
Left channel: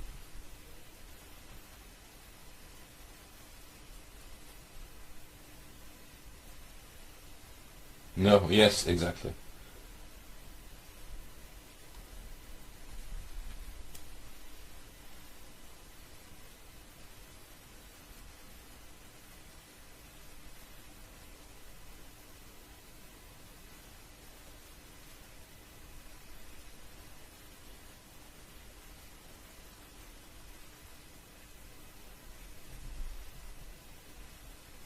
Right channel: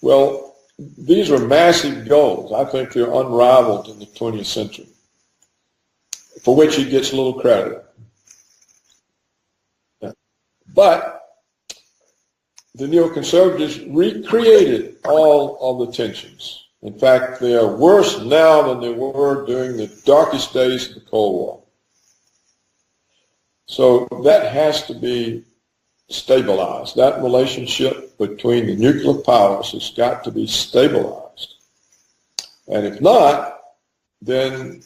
Well, these are massive goals. I think they're unrivaled in the 20th century, for which he gets a little credit. No, yes, exactly. But the neoconservatives recreated all of the tensions. In fact, they are worse now than they were during the darkest days of the Cold War. So that has to be stabilized. That relationship between the nuclear powers has got to be stabilized. And if not, then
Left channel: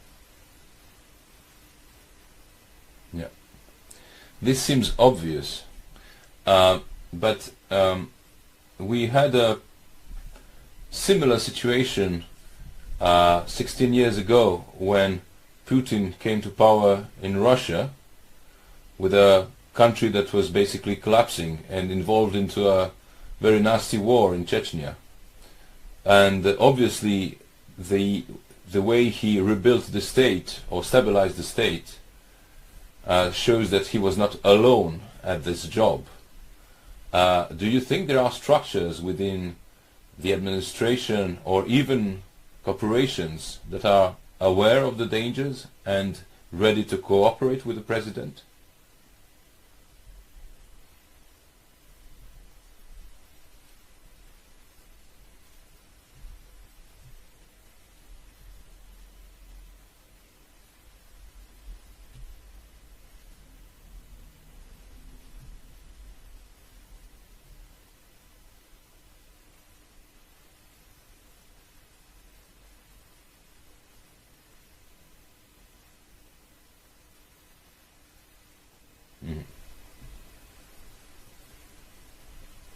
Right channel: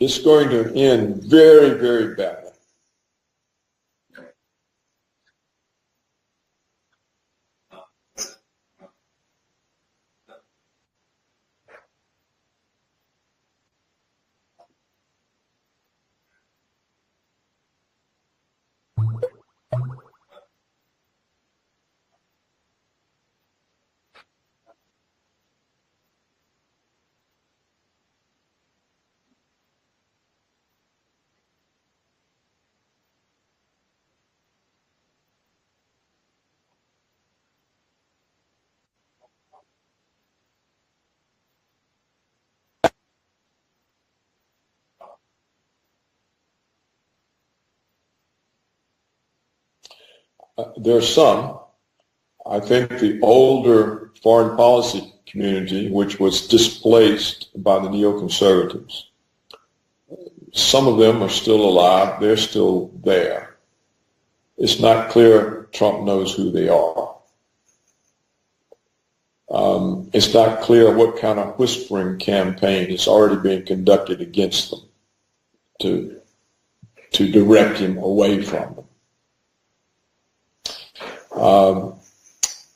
it's going to end very, very badly. Yeah. This seems obvious, but we had a similar situation 16 years ago when Putin came to power in Russia with a country that was basically collapsing and involved into a very nasty war in Chechnya. And obviously the way he rebuilt the state or stabilized the state shows that he was not alone at this job. Do you think there are structures within the administration or even corporations that are aware of the dangers and ready to cooperate with the president? There are some. I think the older foreign policy community, which was displaced by the neoconservatives, some of them are still alive. They're still there. It's not clear Trump knows who they are. It's not clear what kind of whispering campaign is already being conducted against them to direct him away from them.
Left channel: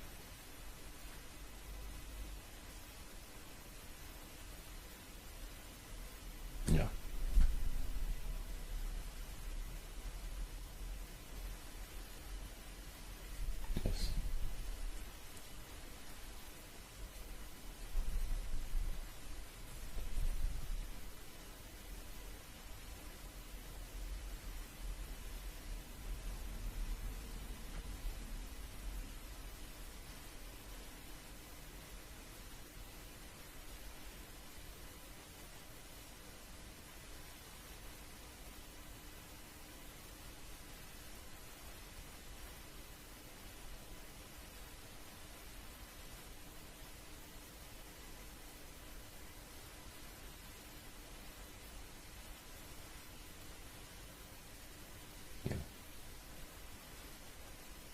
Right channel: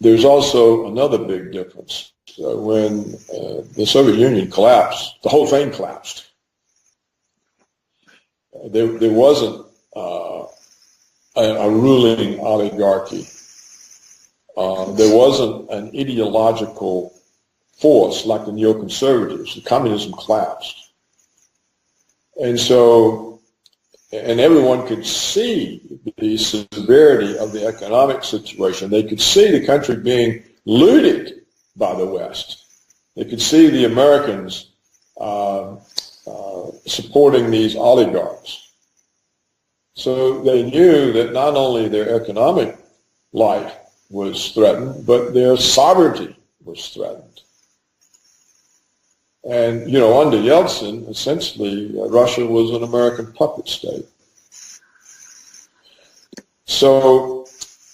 There's also another big difference. When the Soviet Union collapsed, the whole thing collapsed. Yeah. There wasn't a ruling oligarchy. There wasn't an ideological force like the neoconservatives. The communism collapsed. And so, and everyone could see the severity of the economic situation. They could see the country being looted by the West. They could see the Americans supporting these oligarchs. So they knew that not only their economic life was threatened, but their sovereignty was threatened. And, you know, under Yeltsin, essentially, Russia was an American puppet state. So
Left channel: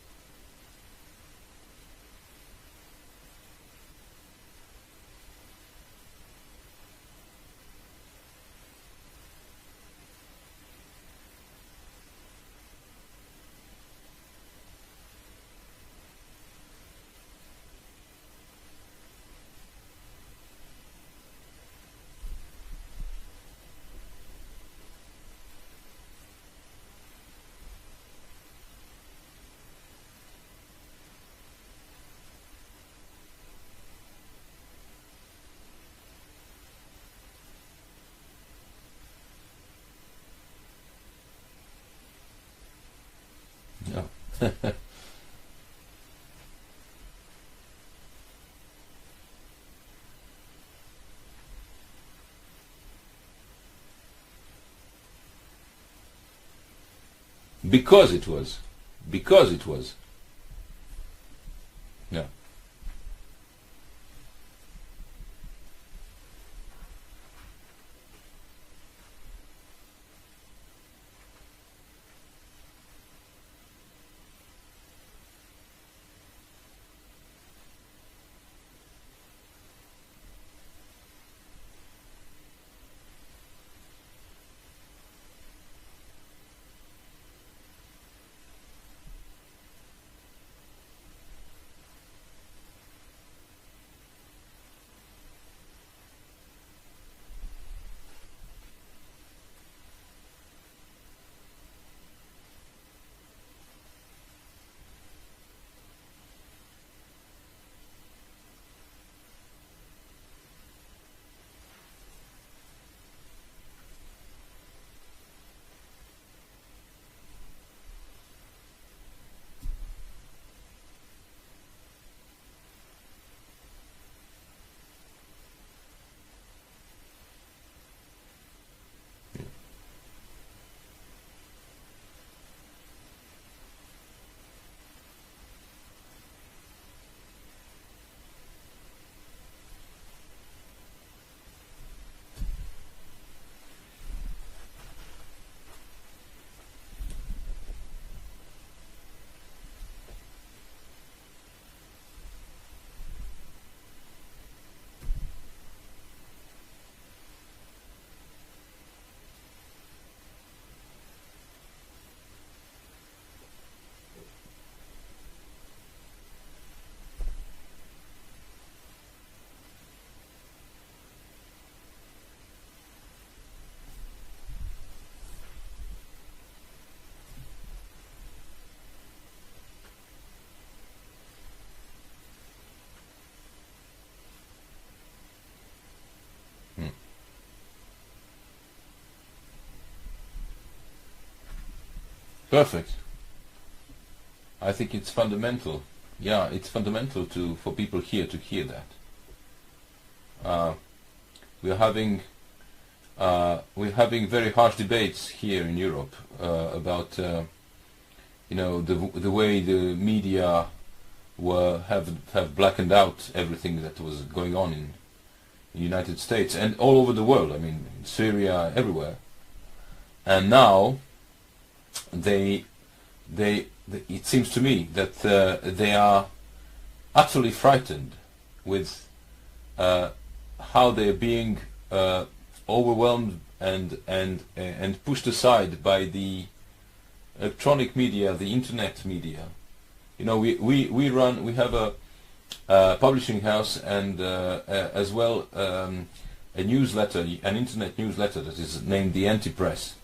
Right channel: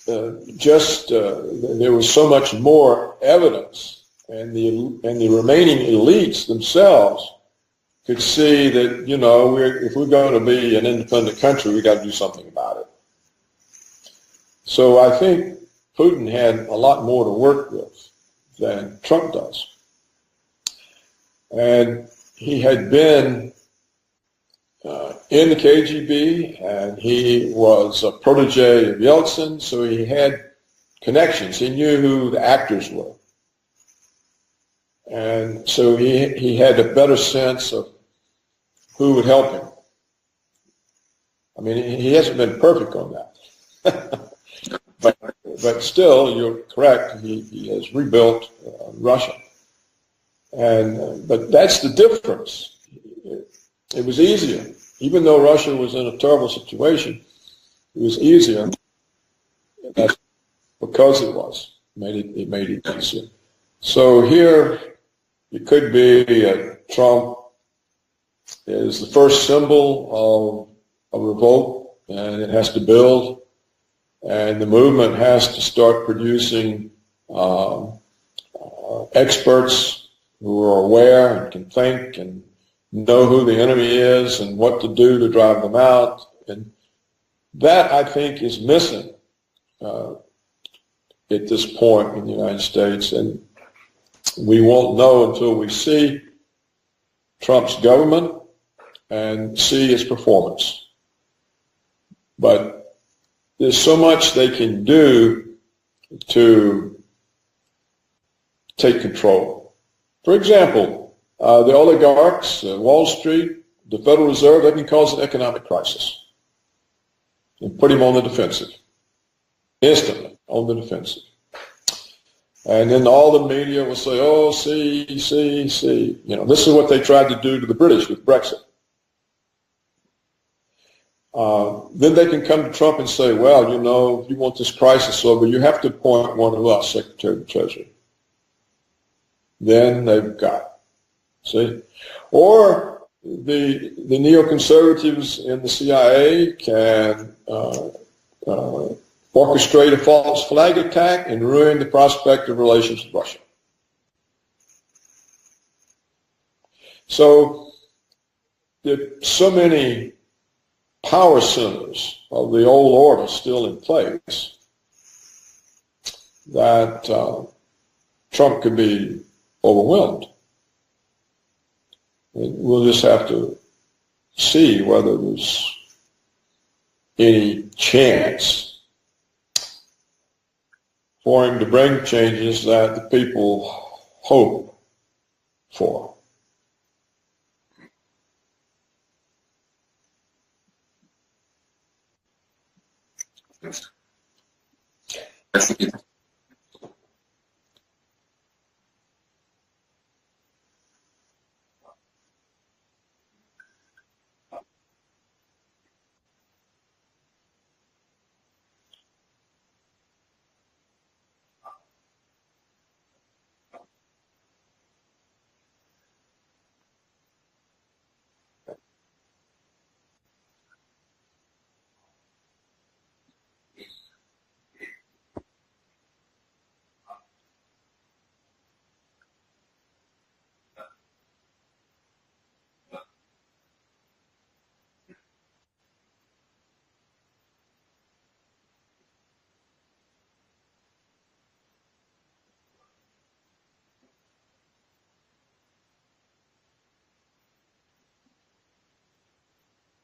there was so much more evidence, and the remaining elites themselves could see that, you know, if we're going to be an independent country, we got to do something about it. So I think Putin had a lot more to work with than Trump does. And he had been in the KGB, and he was a protege of Yeltsin, so he had connections. He knew who the actors were. And so he had a better sense of who would help him. I mean, he hasn't been perfect on that. but still, you're correct, he has rebuilt Russia. But that's the difference. It was easier. Even though Russia was in a terrible situation, because it was easier. Because it was. Because it was. It made it easier. So here it could be Trump is the first symbol of a revolt, and it has to build, and the movement has to start producing experts who are aware and can think and know who the enemy is and what to do to drive them out. And that, I think, is missing at this point in the United States. And we won't know until we see Trump's government and see its performance. But there's so much they can do to take control. For example, the oligarchs, Wall Street, the Federal Reserve, they can cause an economic crisis and put him on the defensive, instantly on the defensive. And then all the media will say, oh, see. You know, this is what they tried to do to the British with Brexit. Then they can come to Trump and say, well, you know, if you want this crisis over, you have to appoint one of us, Secretary of the Treasury. Then they've got it. See? Or the neoconservatives in the CIA can orchestrate a false flag attack and ruin the prospect of relations with Russia. So there are so many power centers of the old order still in place that Trump could be overwhelmed. We'll just have to see whether there's any chance for him to bring changes that the people hope for. Perfect. I think it's fundamental. Yeah, it's fundamental for people here to hear that. We're having very harsh debates here in Europe about you know, the way the media have blackened out everything that was going on in the United States and all over the world. I mean, in Syria, everywhere. And now it seems to me that they are utterly frightened with how they're being overwhelmed and pushed aside by the electronic media, the internet media. You know, we have a publishing house and as well a newsletter, an internet newsletter that is named The Anti-Press.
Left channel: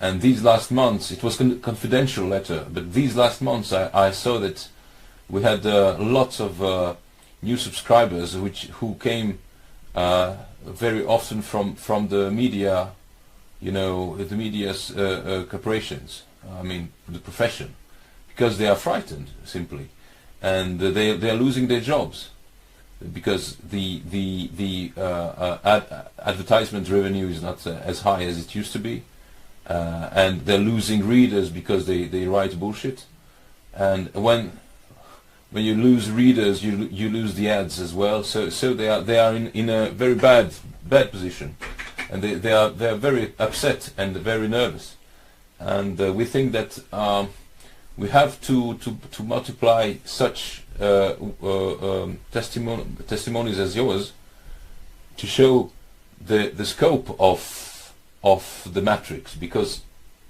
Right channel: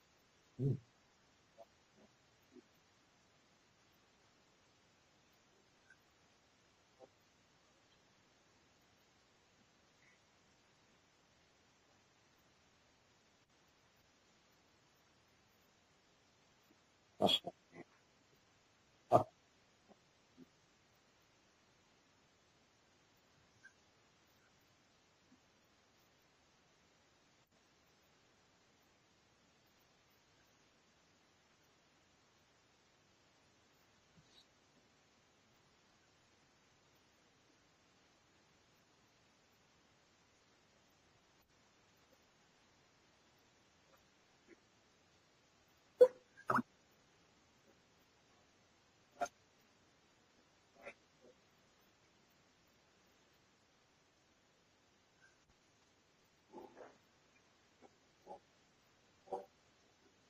And these last months, it was a confidential letter, but these last months I saw that we had lots of new subscribers who came very often from the media, you know, the media's corporations, I mean the profession, because they are frightened simply, and they are losing their jobs because the advertisement revenue is not as high as it used to be. And they're losing readers because they write bullshit, and when you lose readers, you lose the ads as well. So they are in a very bad position, and they are very upset and very nervous, and we think that we have to multiply such testimonies as yours to show the scope of the matrix, because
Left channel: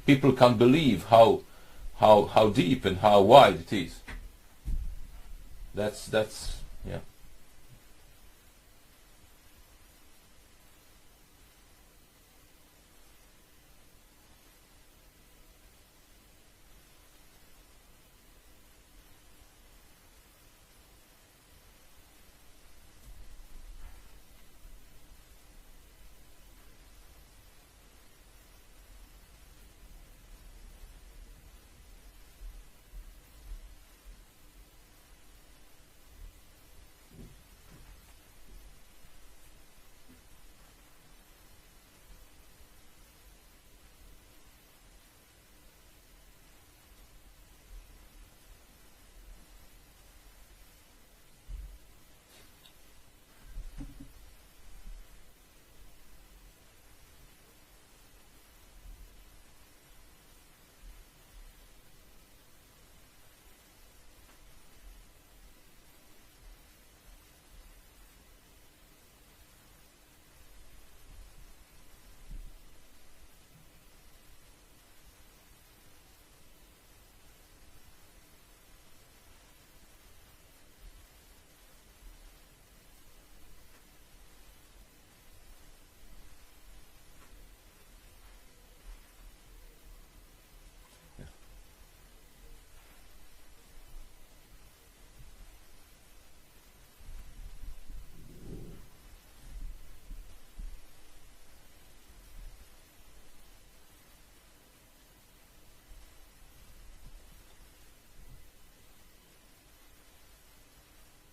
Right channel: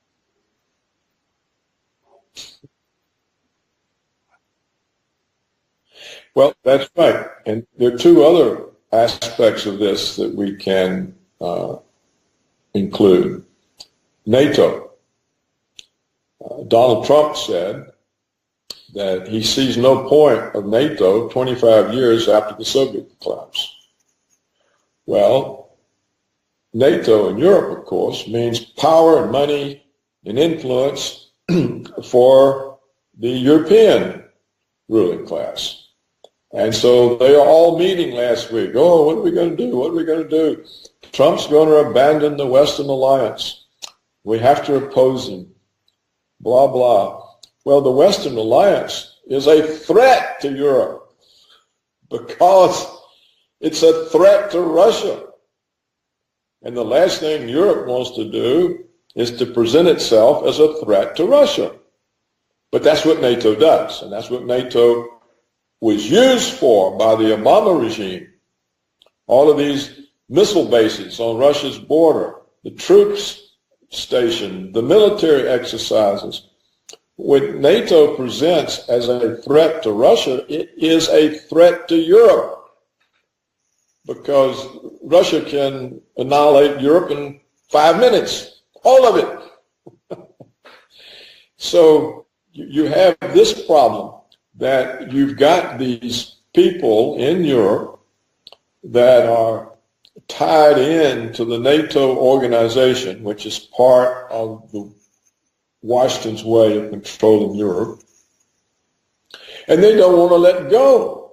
people can't believe how deep and how wide it is. That's yeah. Right. And there are two other aspects of this that we can include. NATO. Donald Trump said that he sees no point of NATO 25 years after the Soviet collapse. Well, NATO in Europe, of course, means power and money and influence for the European ruling class. And so they are all meeting last week. Oh, what are we going to do? What are we going to do? Trump's going to abandon the Western alliance. We have to oppose him. Blah, blah. Well, the Western alliance is a threat to Europe. because it's a threat to Russia. And the last thing Europe wants to do is to present itself as a threat to Russia. But that's what NATO does, and that's what NATO was used for by the Obama regime. All of these missile bases on Russia's border, the troops stationed, the military exercises. What NATO presents as a threat to Russia, it is a threat to Europe, because Russia can annihilate Europe in 5 minutes, all of it. So you have this problem that you've got these people in Europe that are tied in to the NATO organization, which is part of Washington's way of controlling Europe, and they don't want to let go.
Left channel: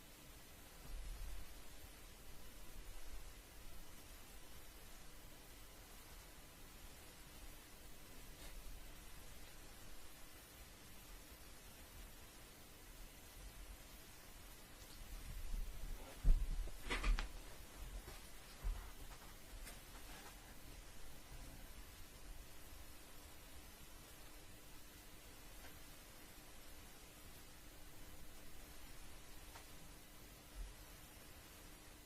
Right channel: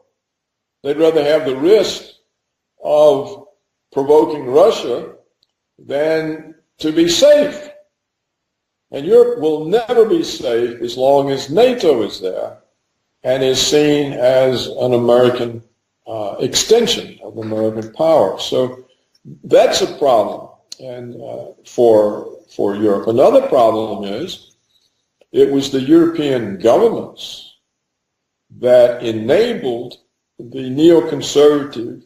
They'd rather have the risk of provoking Russia than to be safe. And Europe will never be safe as long as NATO is there and is seen as an American extension of American power. So that's a problem and for Europe. Another problem is it was the European governments that enabled the neoconservative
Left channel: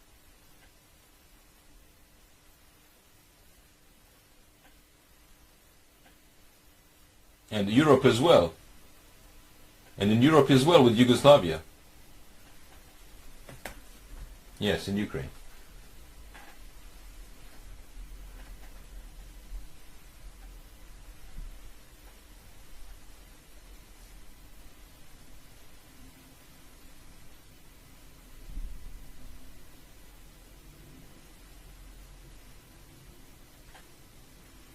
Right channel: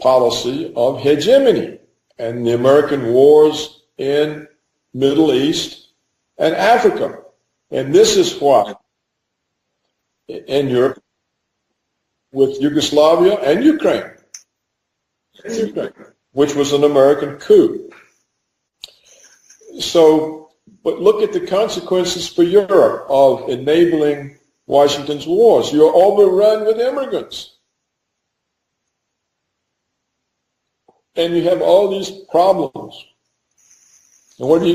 policy of hegemony and the American wars in Middle East and Africa. And Europe this as well. Why. And in Europe as well, with Yugoslavia. With Yugoslavia and Ukraine. Yes, in Ukraine. Which was an American coup. So, but look at the consequences for Europe of enabling Washington's wars. You're overrun with immigrants. And you have all these problems. And what are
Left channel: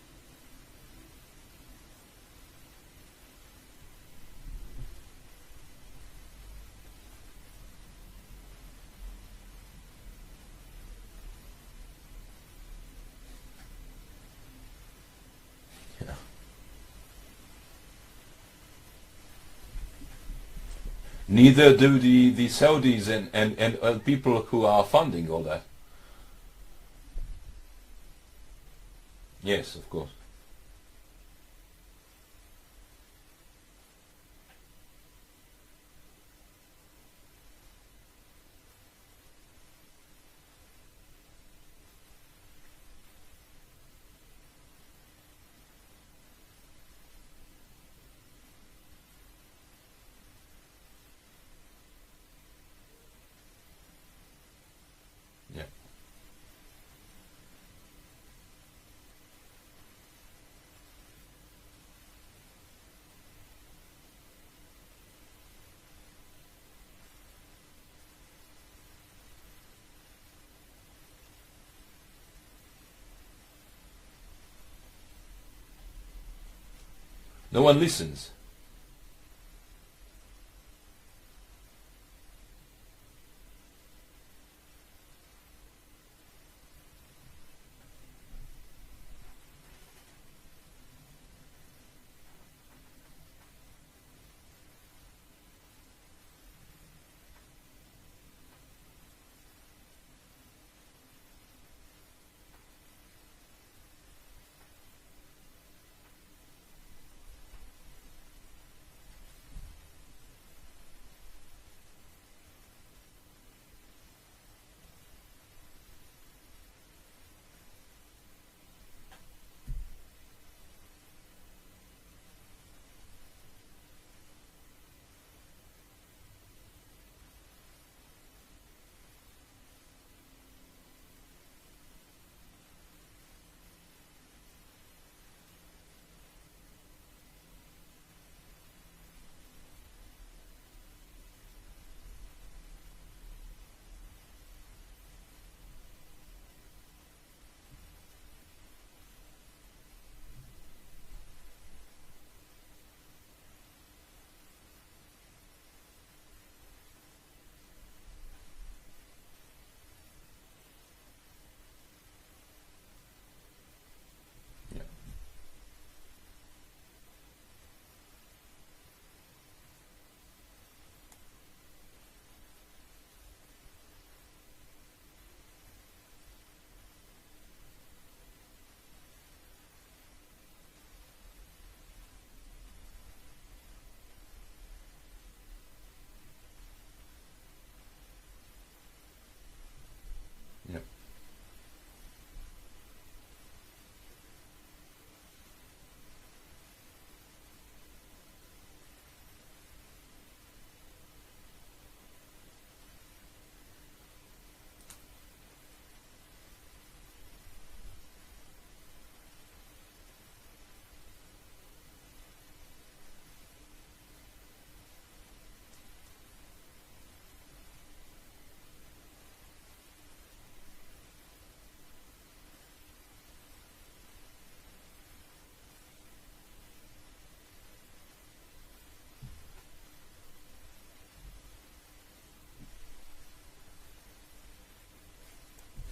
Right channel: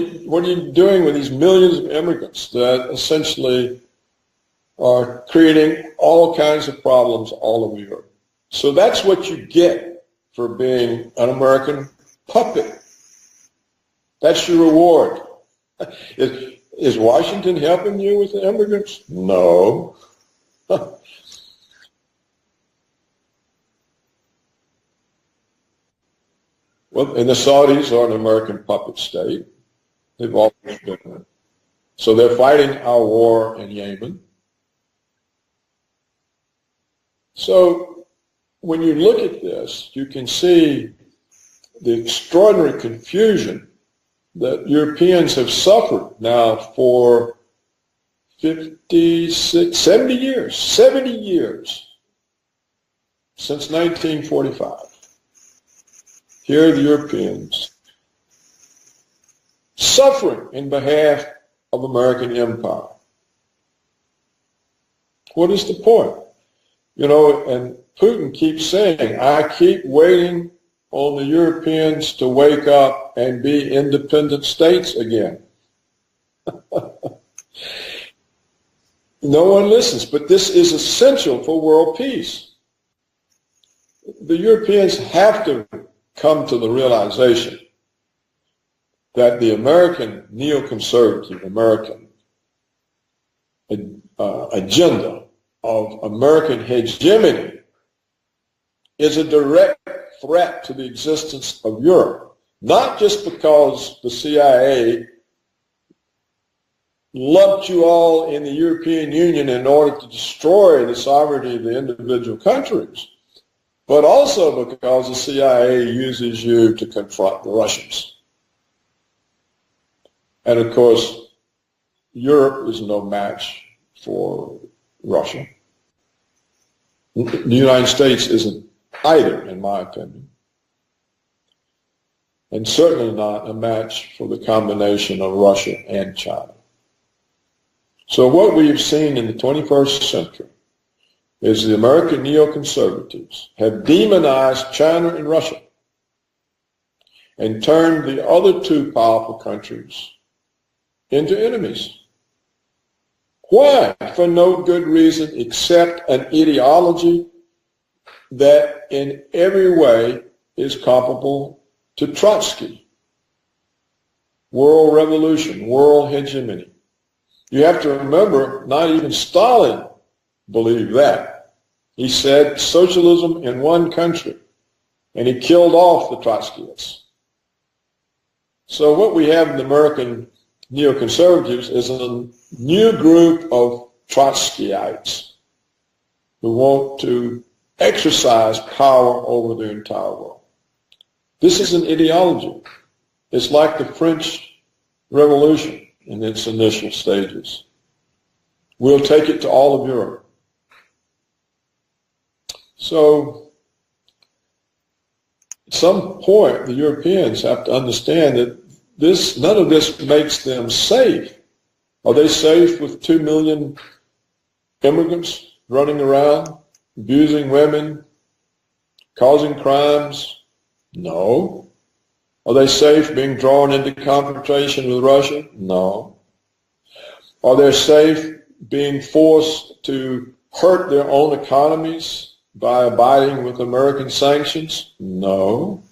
you doing with these millions of immigrants that essentially are creating all kinds of problems all over Europe? So that's what you get for being an American puppet. That's your reward. Is Washington helping you with the immigrants? No. Neither do the Saudis and people who are funding all that. Well, and the Saudis are an American puppet state. Yes, of course. They've always been. So they're fighting our war in Yemen. So when you look at this, you can see the extraordinary confusion that Europeans have suffered now for 56, 70 years since 1945. Yeah. Here are the Europeans suffering in behalf of American empire. What is the point? You know, and Putin keeps saying, I keep waiting on the Europeans to wake up and be independent states again. No one listens. No one listens, but this is essential for world peace. The Europeans have to come to the realization that the American neoconservative American agenda of American hegemony is a direct threat to the existence of Europe, not just because the CIA lumped you all in the European Union in order to destroy the sovereignty of the individual countries, but also because the CIA uses you to confront the Russians. And of course, Europe is no match for Russia. The United States isn't either, in my opinion, and certainly not a match for the combination of Russia and China. So what we've seen in the 21st century is the American neoconservatives have demonized China and Russia and turned the other two powerful countries into enemies. Why? For no good reason except an ideology that in every way is comparable to Trotsky. World revolution, world hegemony. You have to remember, not even Stalin believed that. He said socialism in one country, and he killed off the Trotskyists. So what we have in the American neoconservatives is a new group of Trotskyites who want to exercise power over the entire world. Yep. This is an ideology. It's like the French Revolution in its initial stages. We'll take it to all of Europe. So at some point, the Europeans have to understand that none of this makes them safe. Are they safe with 2 million immigrants running around, abusing women, causing crimes? No. Are they safe being drawn into confrontation with Russia? No. Are they safe being forced to hurt their own economies by abiding with American sanctions? No.